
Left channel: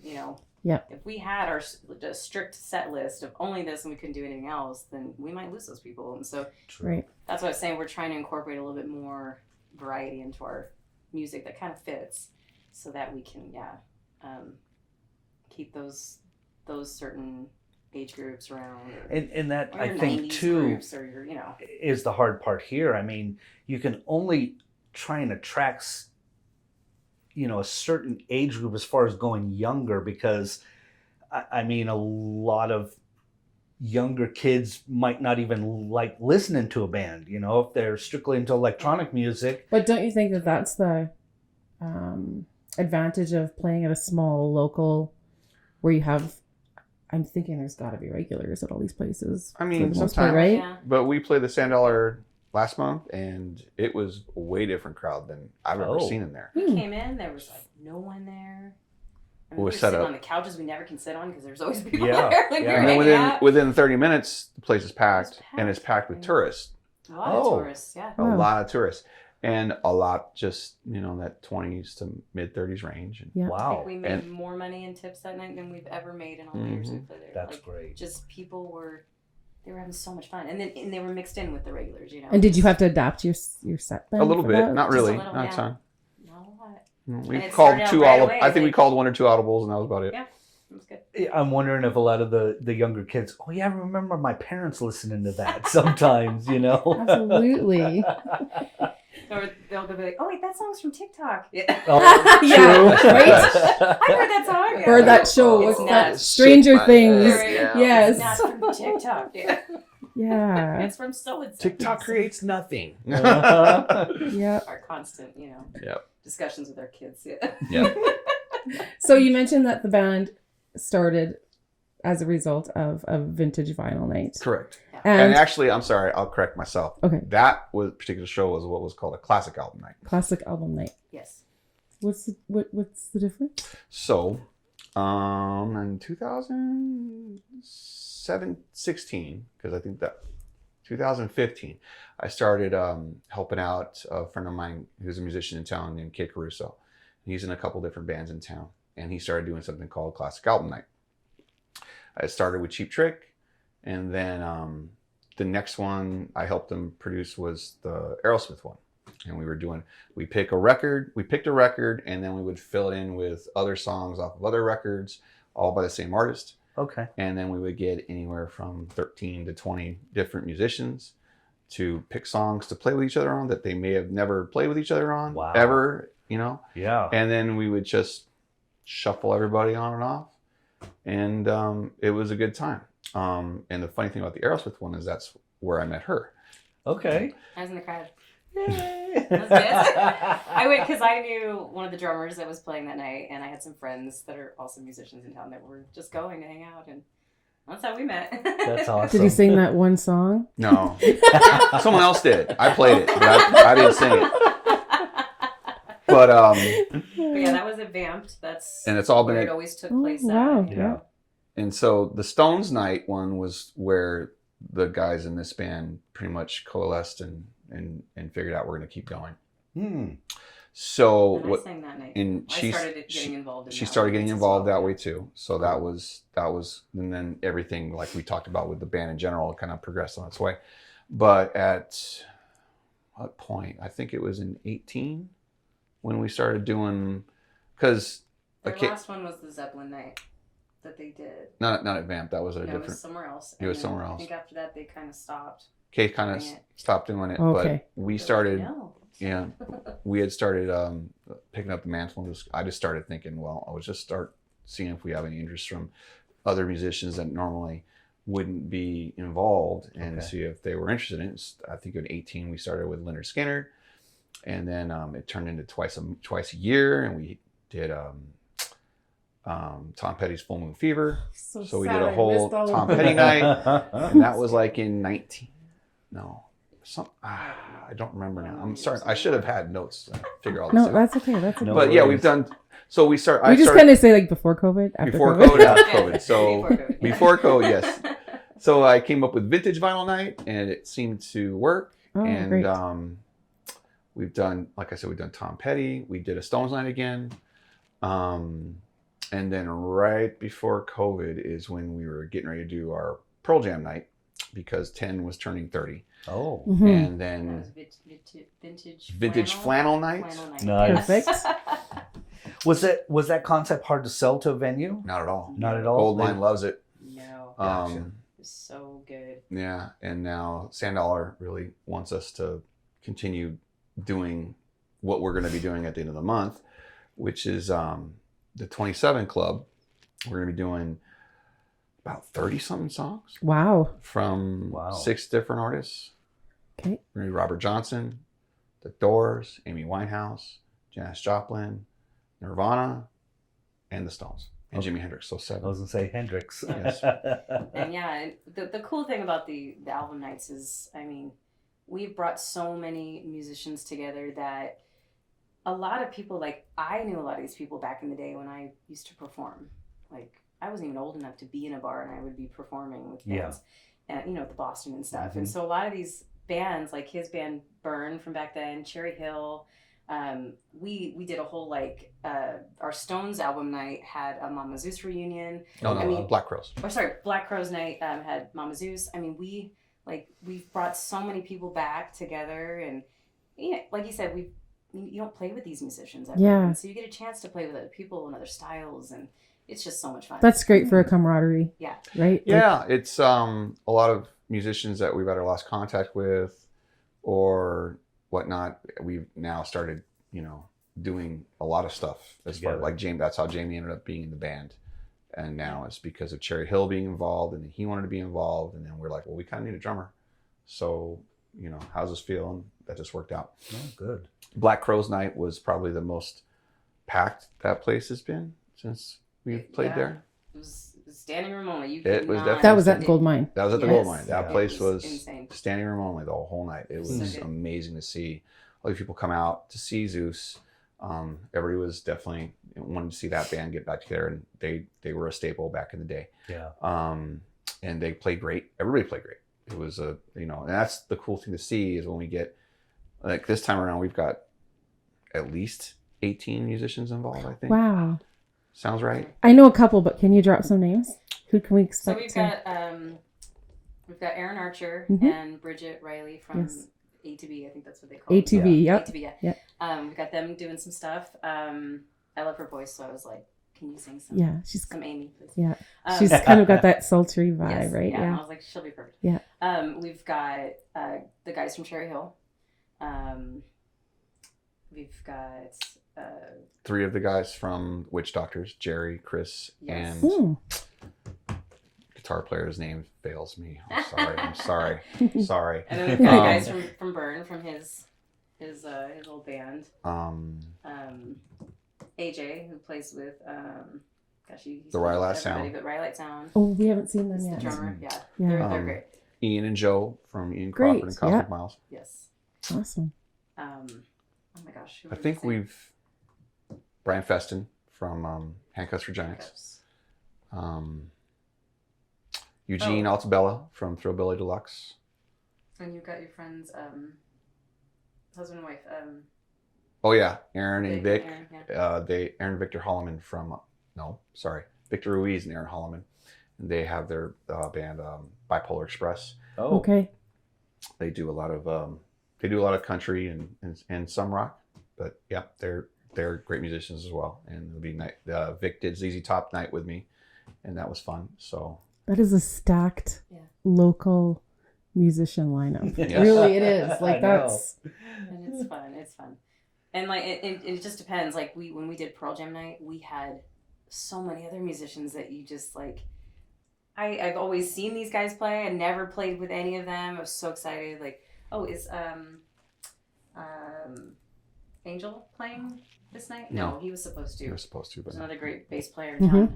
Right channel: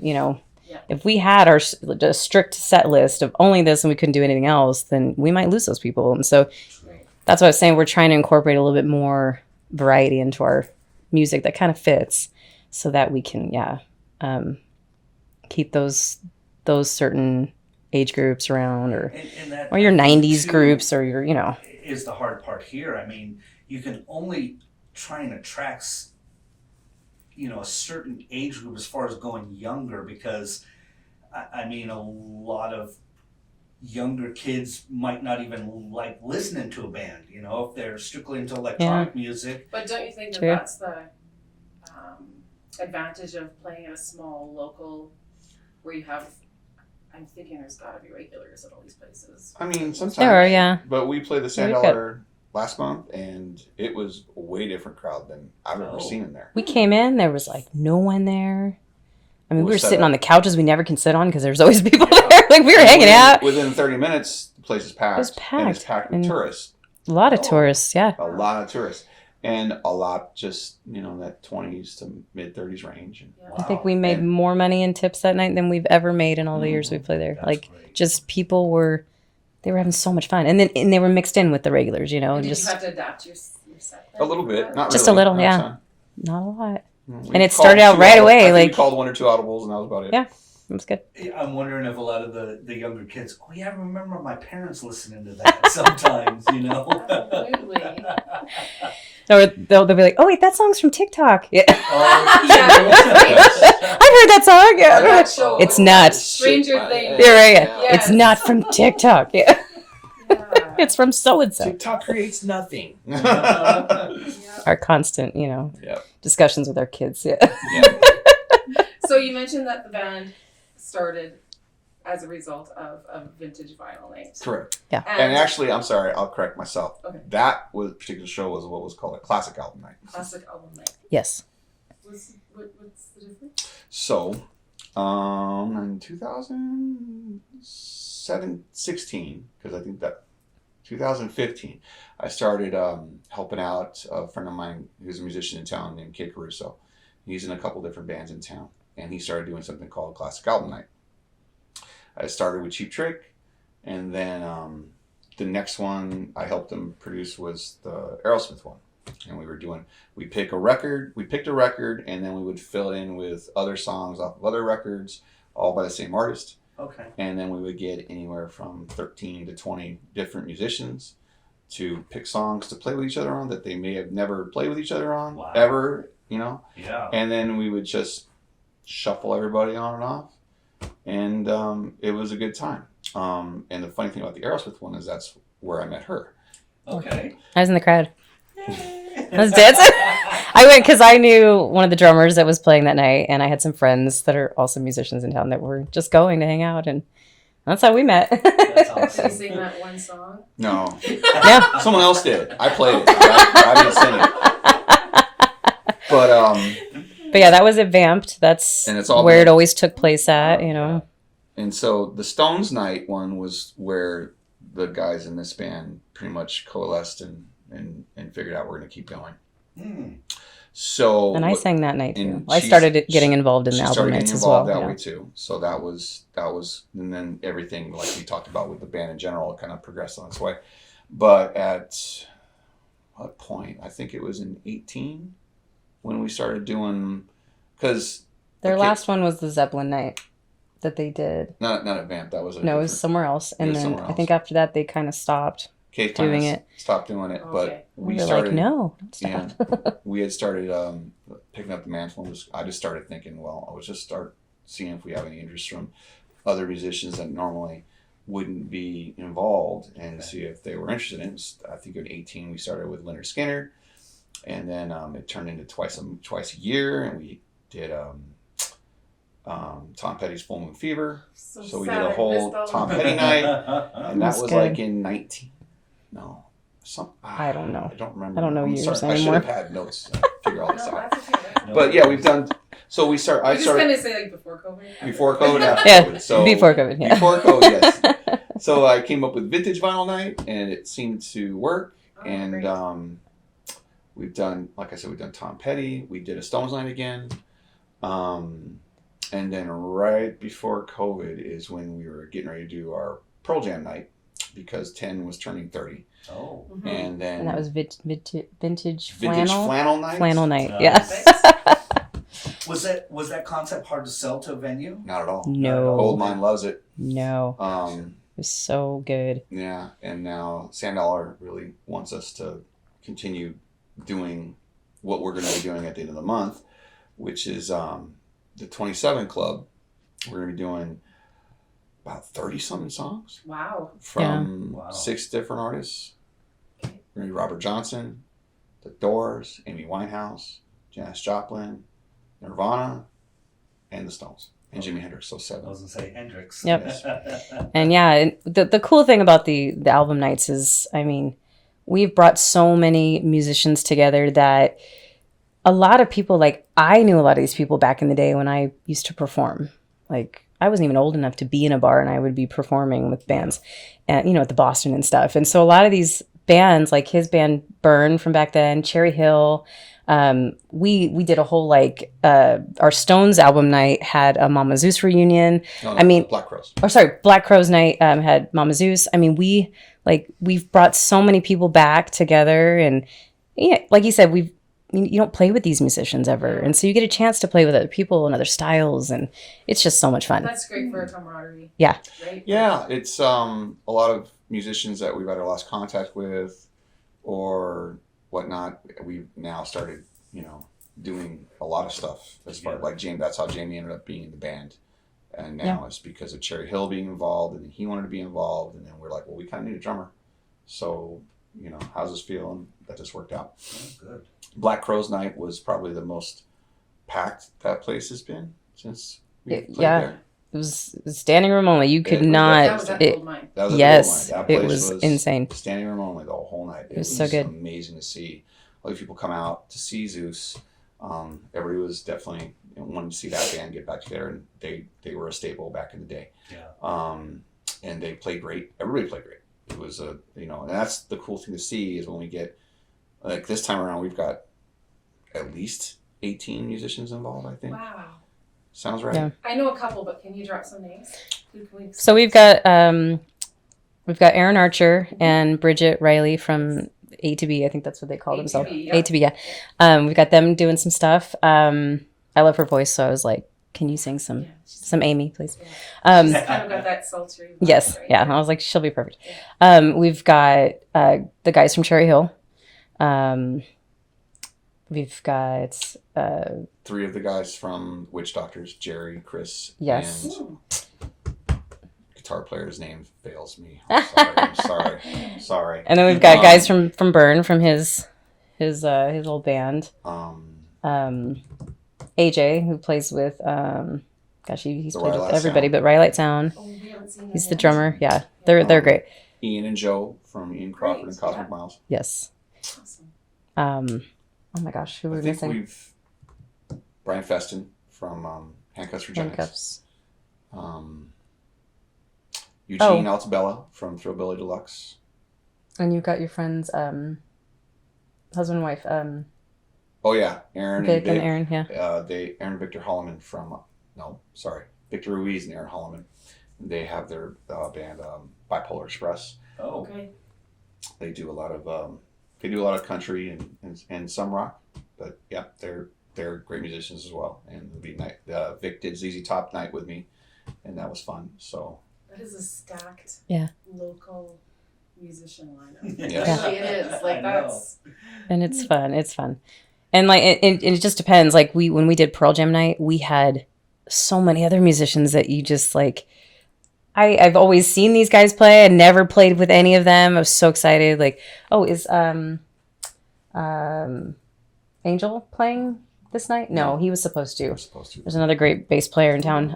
Yeah. if we had a strict set list of only this and we couldn't do anything else, then we might lose those people. And so Right. that's what I was saying. We're trying to incorporate a little bit more variety into our music that kind of fits so that we can, keep those certain age groups around And that, or your I think, 90s too, groups or your, is the hard part here. I mean, you can only try and attract, a certain age group as far as going younger, because, I mean, a lot of younger kids might not even like listening to a band, if they're strictly into electronic music. But don't you think that True. that's the advantage of playing at a small local where you have, I'm thinking there's got to be regulars at all these places. I mean, sometimes, There are, yeah. but we played the Sand Very Dollar last month, and it was a way different crowd than I've ever Oh. seen in there. We came in, there was like no one there. I mean, We're we were set sitting up. on the couches we never can sit on because there's always people Yeah. there. Like we were And hanging out. Within 30 minutes, the place is packed. It was And it's packed. packed with And tourists. A lot of Oh. tourists, yeah. A lot of tourists. And a lot just, that 20s to mid 30s range. And Yeah. Wow. I think we made And- more money in tips that night than we've ever made in all the years we played there. That's Like, great. just people they were having so much fun, and they were mixed in with the regulars, And did you just have to adapt your set then? a little for bit, that? not Just really. a little, not yeah. ton. not a lot. We And it called started out 2 right audibles. away, I think like- we called 1 or 2 audibles, and that was about it. Yeah. It was good. I'm wondering if a lot of the younger kids, oh yeah, I remember my parents listening to that sometimes, Absolutely. Or they'll be like, "Oh wait, that song's from TikTok." Yeah, Oh, Yeah, true. I've heard that song. Yeah, Or that show. It's what's not. that? Stranger Things. You're right. Yeah. Yes. It's not from TikTok. Yeah, Yeah. it's from so and so. TikTok creates nothing. Yeah. Our constant, Yep. discussions with our kids. Yeah. Yeah. So you mentioned that the band started as a result of a vintage vinyl night. Correct. And, And actually, I'm sorry, I'll correct myself. Okay. That particular show was what was called a classic album night. classic album night. Yes. What's the difference? So, in 2016, because I think that 2015, I started helping out a friend of mine who's a musician in town named Kid Caruso. He's in a couple different bands in town, and he started doing something called Classic Album Night. I started with Cheap Trick, and then the next one I helped him produce was the Aerosmith one. And we picked a record, and then we would fill it in with other songs off of other records, all by the same artist. Okay. And then we would get anywhere from 13 to 20 different musicians to pick songs to play with each other on that they may have never played with each other on, Wow. ever, Yeah. And then we would just shuffle everybody on and off. And it was a good time. And the funny thing about the Aerosmith one is that's where I met her. Okay. I was in the crowd. I was dancing. I went because I knew one of the drummers that was playing that night, and I had some friends that are also musicians in town that were just going to hang out, and that's how we met. That's awesome. Did he sing that one song? No. Yeah. Someone else did. I played it. I didn't sing it. But But yeah, that was at Vamped. That's And it's all where been- it always took place wow. at, and so the Stones night one was where the guys in this band pretty much coalesced and figured out we're going to keep going. Hmm. So And I sang that night too. and I started getting involved in the she album started nights getting as well. involved that yeah. way too. So that was, and then everything like we talked about with the band in general kind of progressed on its way. But at what point? I think it was in 18 when we started doing, because Their last one was the Zeppelin night that they did. not at Vamp. That was No, it was somewhere else. And was then somewhere I else. think after that they kind of stopped. Kate kind doing of it. stopped doing it, Okay. but we They're started. like, no, don't Yeah, stop. we had started picking up the mantle. I just started thinking, well, I would just start seeing if we have any interest from other musicians that normally wouldn't be involved, and Okay. see if they were interested in it. I think in 18 we started with Leonard Skinner, and then it turned into twice a year, and we did Tom Petty's Full Moon Fever. So we did a whole Tom Petty night, and that That's was good. like in 19. No. I don't know. I don't remember. I don't know I'm years sorry. I should anymore. have had notes to figure all this No, out. that's okay. That's okay. No. But yeah, we've done. So we start. We just kind of say like before COVID, after before COVID, after Yeah, COVID. So before COVID. Yeah. Before COVID, yes. So I came up with Vintage Vinyl Night, and it seemed to work. Oh, And great. we've done, like I said, we've done Tom Petty. We did a Stones night again. And then right before COVID is when we were getting ready to do our Pearl Jam night, because 10 was turning 30. Oh. Mhm. And then And that was vintage Vintage flannel. Flannel Night. Flannel night. Nice. Yeah. Perfect. Was that concept hard to sell to a venue? Not at all. Not at No. all. Goldmine loves it. No. It was so good. Yeah, and now Sand Dollar really wants us to continue doing what we're going to be doing at the end of the month, which is the 27 Club. We're going to be doing about 30-something songs Wow. from Yeah. Wow. 6 different artists. Okay. Robert Johnson, The Doors, Amy Winehouse, Janis Joplin, Nirvana, and the Stones, and Jimi Hendrix. So 7. I was gonna say Hendrix. Yep. Yes. And yeah, the cool thing about the album nights is, I mean, we've brought so many musicians together that a lot of people, like, I knew a lot of these people back in the day when I used to perform. Like, I wasn't even old enough to be in a bar, and I would be performing with bands, and at the Boston and stuff. And so a lot of these bands, like his band Burn from back then, Cherry Hill, we did a whole, like, our Stones album night had a Mama Zeus reunion. Black Crows. Black Crows night had Mama Zeus. I mean, we've brought so many people back together, and yeah, like you said, you don't play with these musicians ever. Yeah. And so you get a chance to play with other people and other styles, and it's just so much fun. That's great for a camaraderie. Yeah. Right? Yeah, it's a lot of musicians that we've either lost contact with or whatnot. We've now started, doing a lot of stuff as far like Jamie. That's how Jamie ended up being in the band, and now it's because of Cherry Hill being involved, and then he wanted to be involved, and then we're like, well, we kind of need a drummer. So, how's this feel? And that just worked out. Oh, good. Black Crowes Night was probably the most packed that place has been since we played there. It was standing room only. You could It was not. That was at Gold Mine. That was at Yes, the Gold Mine. That it place was insane. Standing room only the whole night. It was so good. Amazing to see. All these people come out to see Zeus. Everybody was definitely wanted to see that band get back together, and they were a staple back in the day. Yeah. And they played great. Everybody played great. It was and that's the cool thing to see is when we get, like, this time around, we've got at least 18 musicians involved, I think. Wow. Sounds right. Yeah. I know a couple, but can you drop some names? Who can we? So we've got Aaron Archer and Bridget Riley from A to B. I think that's what they call themselves. ATB, yeah. ATB, yeah. We've got them doing some stuff. I love her voice, so I was like, "Can you sing some Amy, please?" Yeah. She's kind of got that sultry vibe, Yes, right? yeah. And I was like, she'll be perfect. Yeah. We've got the guys from Cherry Hill. We've got 3 of the guys from Witch Doctors, Jerry, Chris, Yes. and guitar player. His name fails me. I'm sorry. and then we've got guys from Burn, from his old band. AJ, who plays with he's played with everybody but Rhyolite Sound. Oh, we haven't seen that. He's yet. the drummer. Yeah. They're great. Ian and Joe from Ian Crawford Great, and Cosmic Miles. Yes. Awesome. Oh my gosh, who are I we think missing? we've Brian Feston from Handcuffs for Giants. Handcuffs. Eugene Altabella from Thrillbilly Deluxe. And you've got your friends, husband and wife. Oh yeah, Aaron Vic and Vic. and Aaron, yeah. Aaron and Victor Holloman from Victor Ruiz and Aaron Holloman. And they have their band Bipolar Express. Oh. Okay. They do a lot of country and some rock, but yeah, they're great musicians as well. And it'll be night. Vic did ZZ Top night with me, and that was fun. So That is a stacked local musician lineup. Yeah. Really, it is. Like, I know. that's... And it's fun. It's fun. And like it just depends. Like when we did Pearl Jam night, we had so many other musicians that you just like. I've always seen these guys play. I never played with any of them. I was so excited. Like, is Angel playing this night? No, he was supposed to. There's another great bass player in town.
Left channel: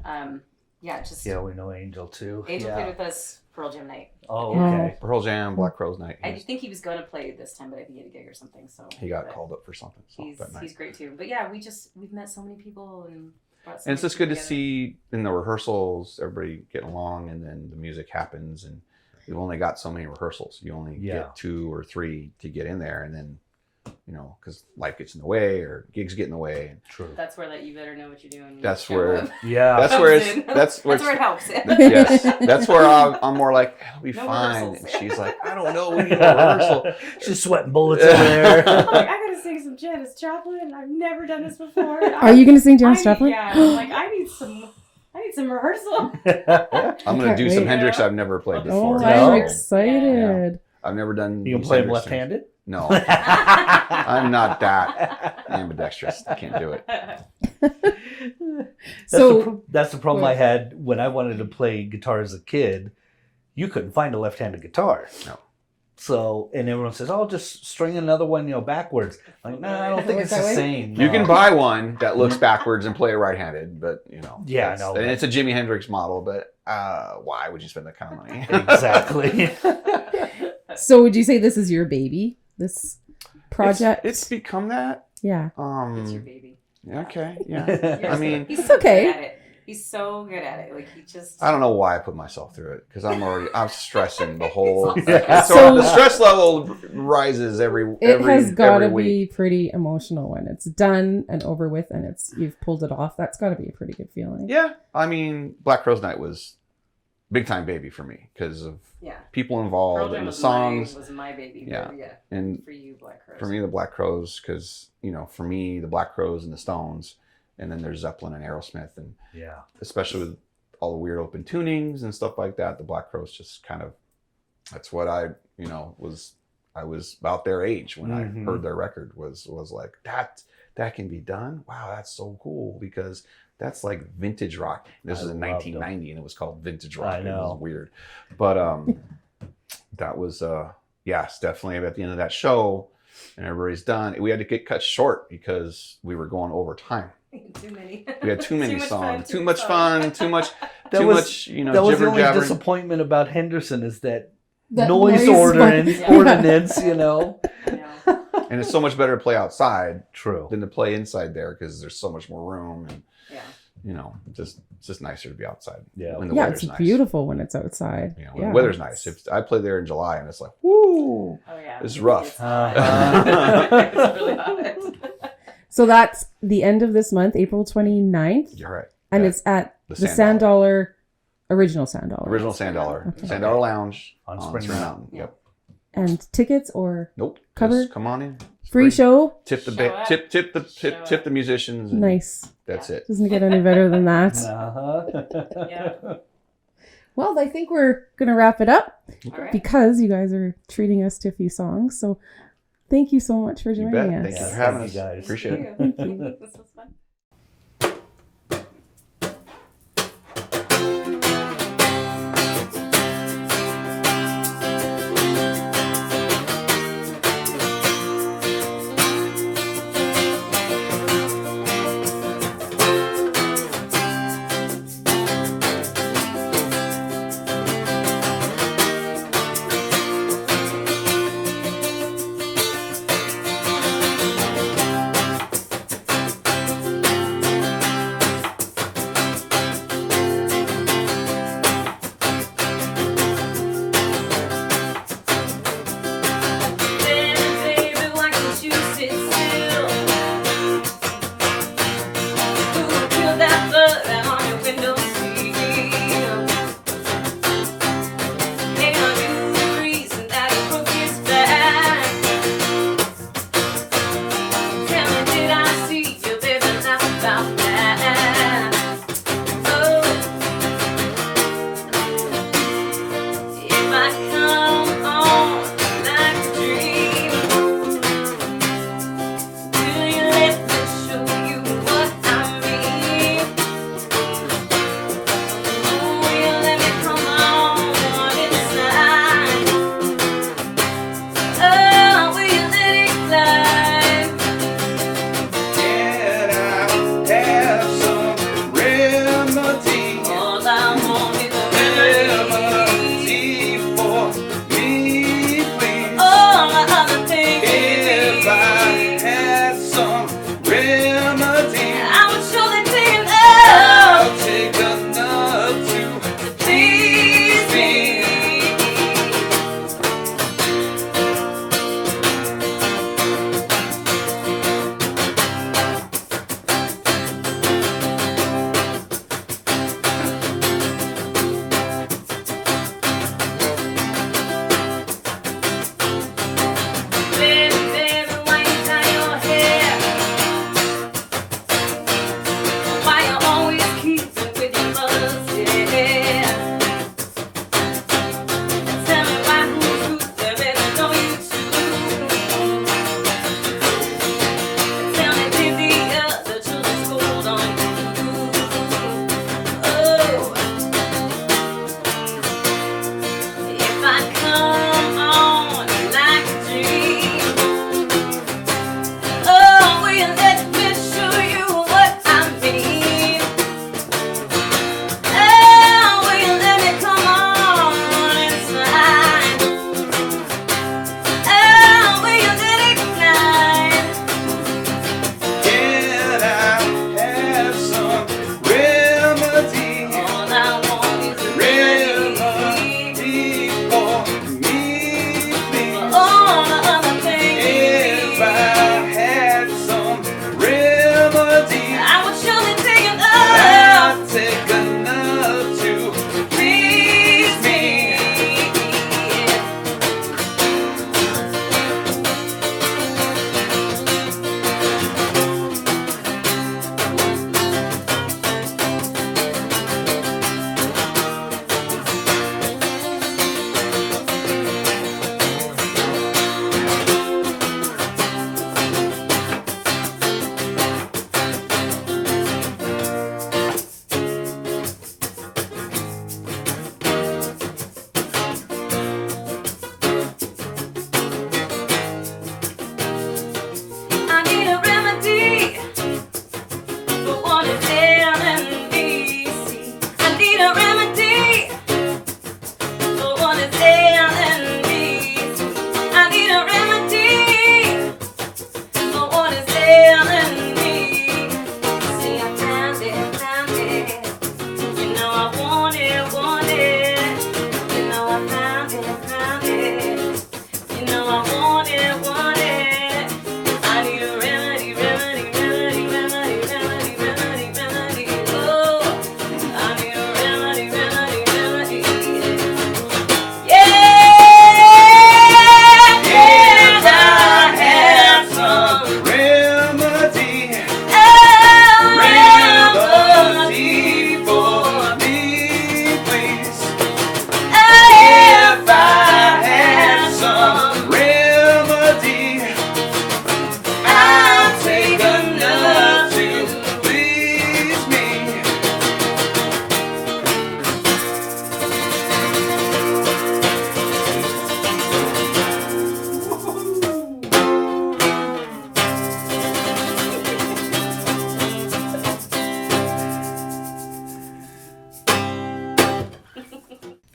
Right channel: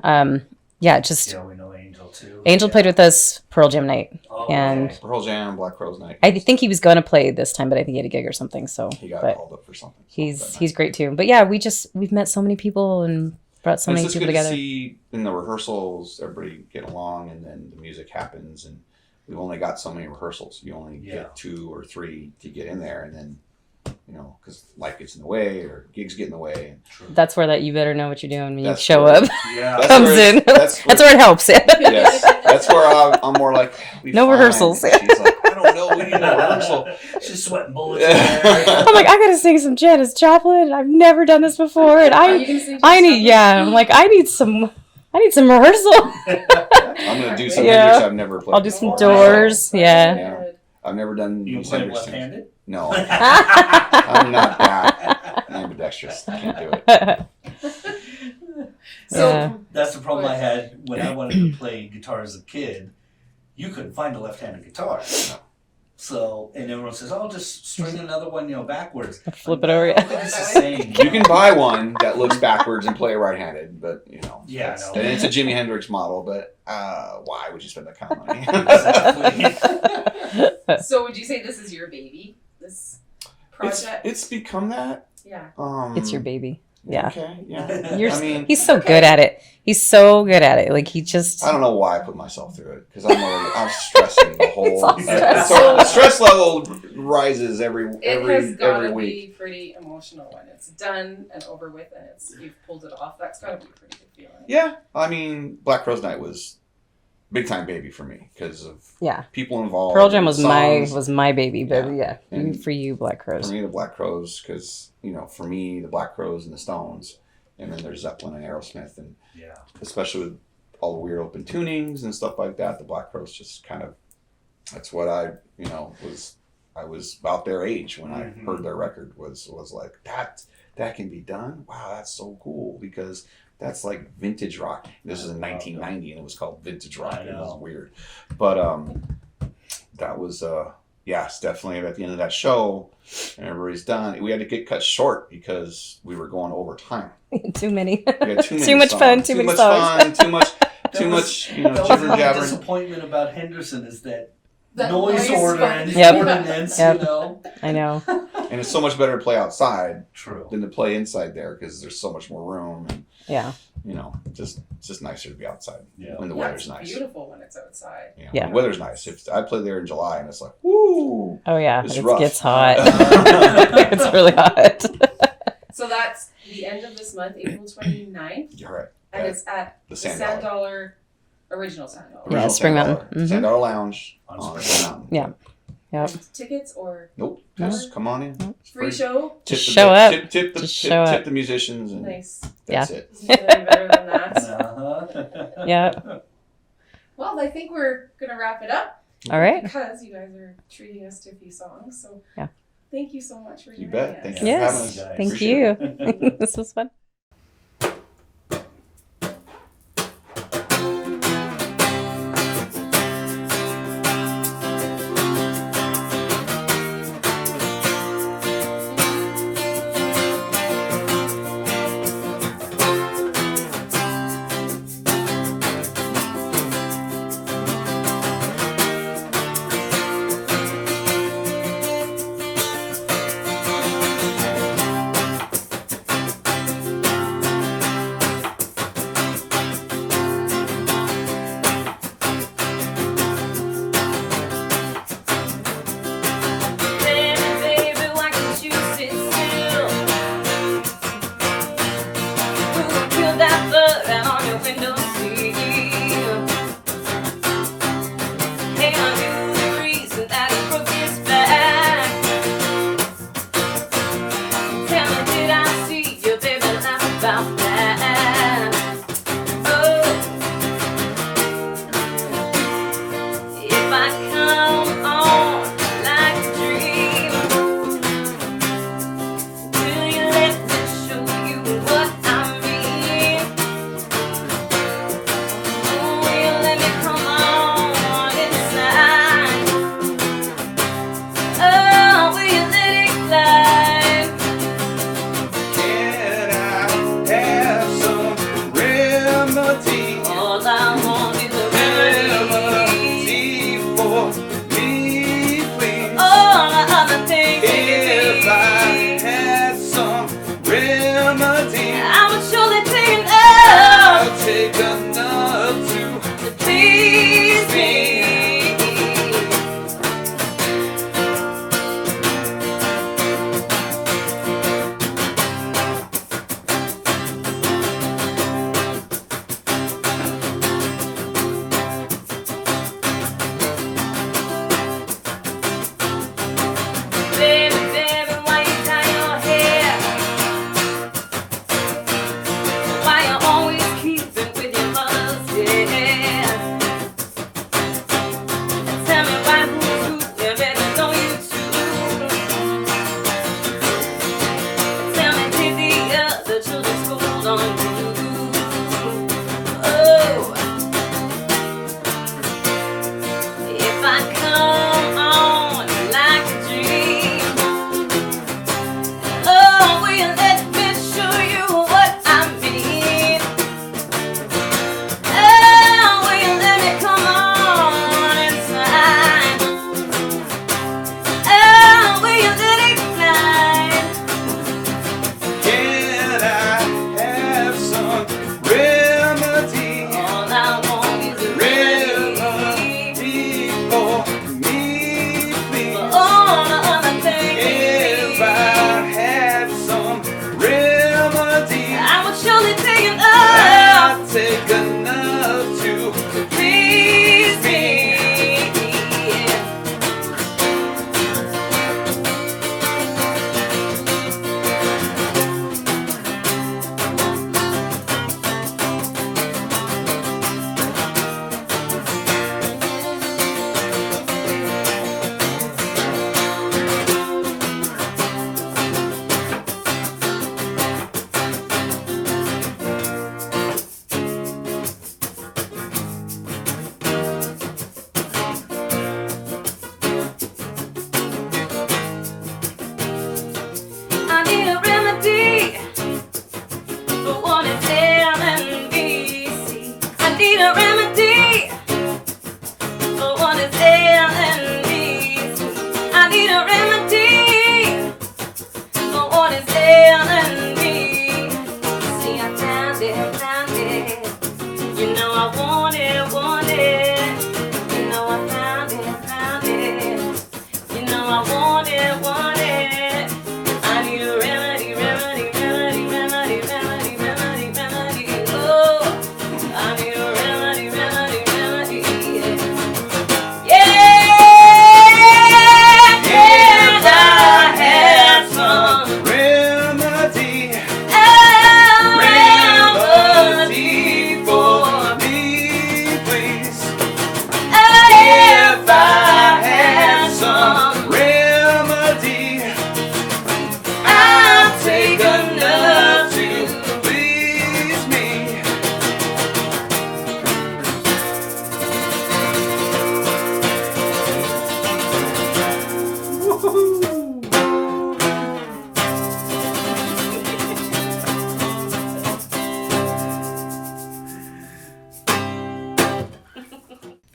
Yeah, we know Angel too. Angel played with us Pearl Jam night. Oh, and okay. Pearl Jam, Black Crowes night. I think he was gonna play this time, but I think he had a gig or something. So he got called up for something. He's great too. But yeah, we've met so many people and brought so many it's just people good together. to see in the rehearsals everybody get along, and then the music happens, and we've only got so many rehearsals. You only get 2 or 3 to get in there, and then because life gets in the way or gigs get in the way. True. That's where that you better know what you're doing when you That's show where- up Yeah. comes in. That's where it helps. Yes, that's where I'm more like No rehearsals. And she's like, I don't know, we need a rehearsal. She's sweating bullets in there. I'm like, I gotta sing some Janis Joplin. I've never done this before. And Are you going to sing Janis Joplin? I'm like, I need some rehearsal. I'm gonna do some Hendrix I've never played. I'll do some before. Doors. Yeah. Excited. I've never done. You can these play Hendrix left-handed? things. No, I'm not that ambidextrous. I can't do it. So, That's the problem I had when I wanted to play guitar as a kid. You couldn't find a left-handed guitar. No. So, and everyone says, "Oh, just string another one, backwards." Flip Like, it over. I don't think it's the same. You can buy one that looks backwards and play right-handed, but Yeah, it's, I know. and it's a Jimi Hendrix model. But why would you spend that kind of money? Exactly. So would you say this is your baby? This project? It's become that. Yeah. It's your baby. Yeah. Okay. Yeah. You're, I mean, he's so Okay. good at it. He's so good at it. Like he just. I don't know why I put myself through it because I'm stressing the whole. all stress. So the stress level rises every It has got to every be week. pretty emotional when it's done and over with and you've pulled it off. That's got to be a pretty good feeling. Yeah, I mean, Black Crowes Night was big time baby for me because of Yeah. people involved. Pearl Jam and was songs. my baby, but Yeah. And for you, Black For Crowes. me, the Black Crowes, because for me, the Black Crowes and the Stones, and then there's Zeppelin and Aerosmith, and Yeah. especially with all the weird open tunings and stuff like that, the Black Crowes just kind of, that's what I was about their age when I heard their record was like, that can be done? Wow, that's so cool, because that's like vintage rock. This is in 1990 and it was called vintage rock. I know. It was weird. But that was yes, definitely at the end of that show and everybody's done. We had to get cut short because we were going over time. Too many. We had too many Too much songs. fun, too many much songs. fun, too much That too was- much, That was jibber my jabber. disappointment about Henderson is that That noise noise ordinance, Yep. ordinance, Yep. I know. And it's so much better to play outside True. than to play inside there because there's so much more room and Yeah. it's just nicer to be outside. Yeah. When the Yeah, weather's it's nice. beautiful when it's outside. When Yeah. the weather's nice. If I play there in July and it's like, woo, Oh yeah. It's It rough. gets hot. It's really hot. So that's the end of this month, April 29th. you're right. And That- it's at the the Sand Sand Dollar, original Sand Dollar. Yeah, Original Spring Sand Mountain. Dollar. Mhm. Sand Dollar Lounge On on Spring Spring Mountain. Yeah. Yeah. And tickets or Nope. Cover? Just come on in. It's free show? Tip the Show up. Tip the Just show tip up. the musicians. And Nice. That's it. Doesn't get any better than that. Uh-huh. Yeah. Well, I think we're going to wrap it up All right. because you guys are treating us to a few songs. So Yeah. thank you so much for You joining bet. us. Thank you. Yes. Having us, guys. Thank Appreciate you. This was fun.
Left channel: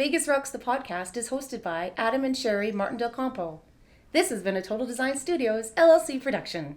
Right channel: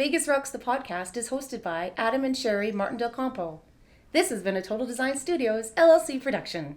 Vegas Rocks the podcast is hosted by Adam and Sherry Martin Del Campo. This has been a Total Design Studios LLC production.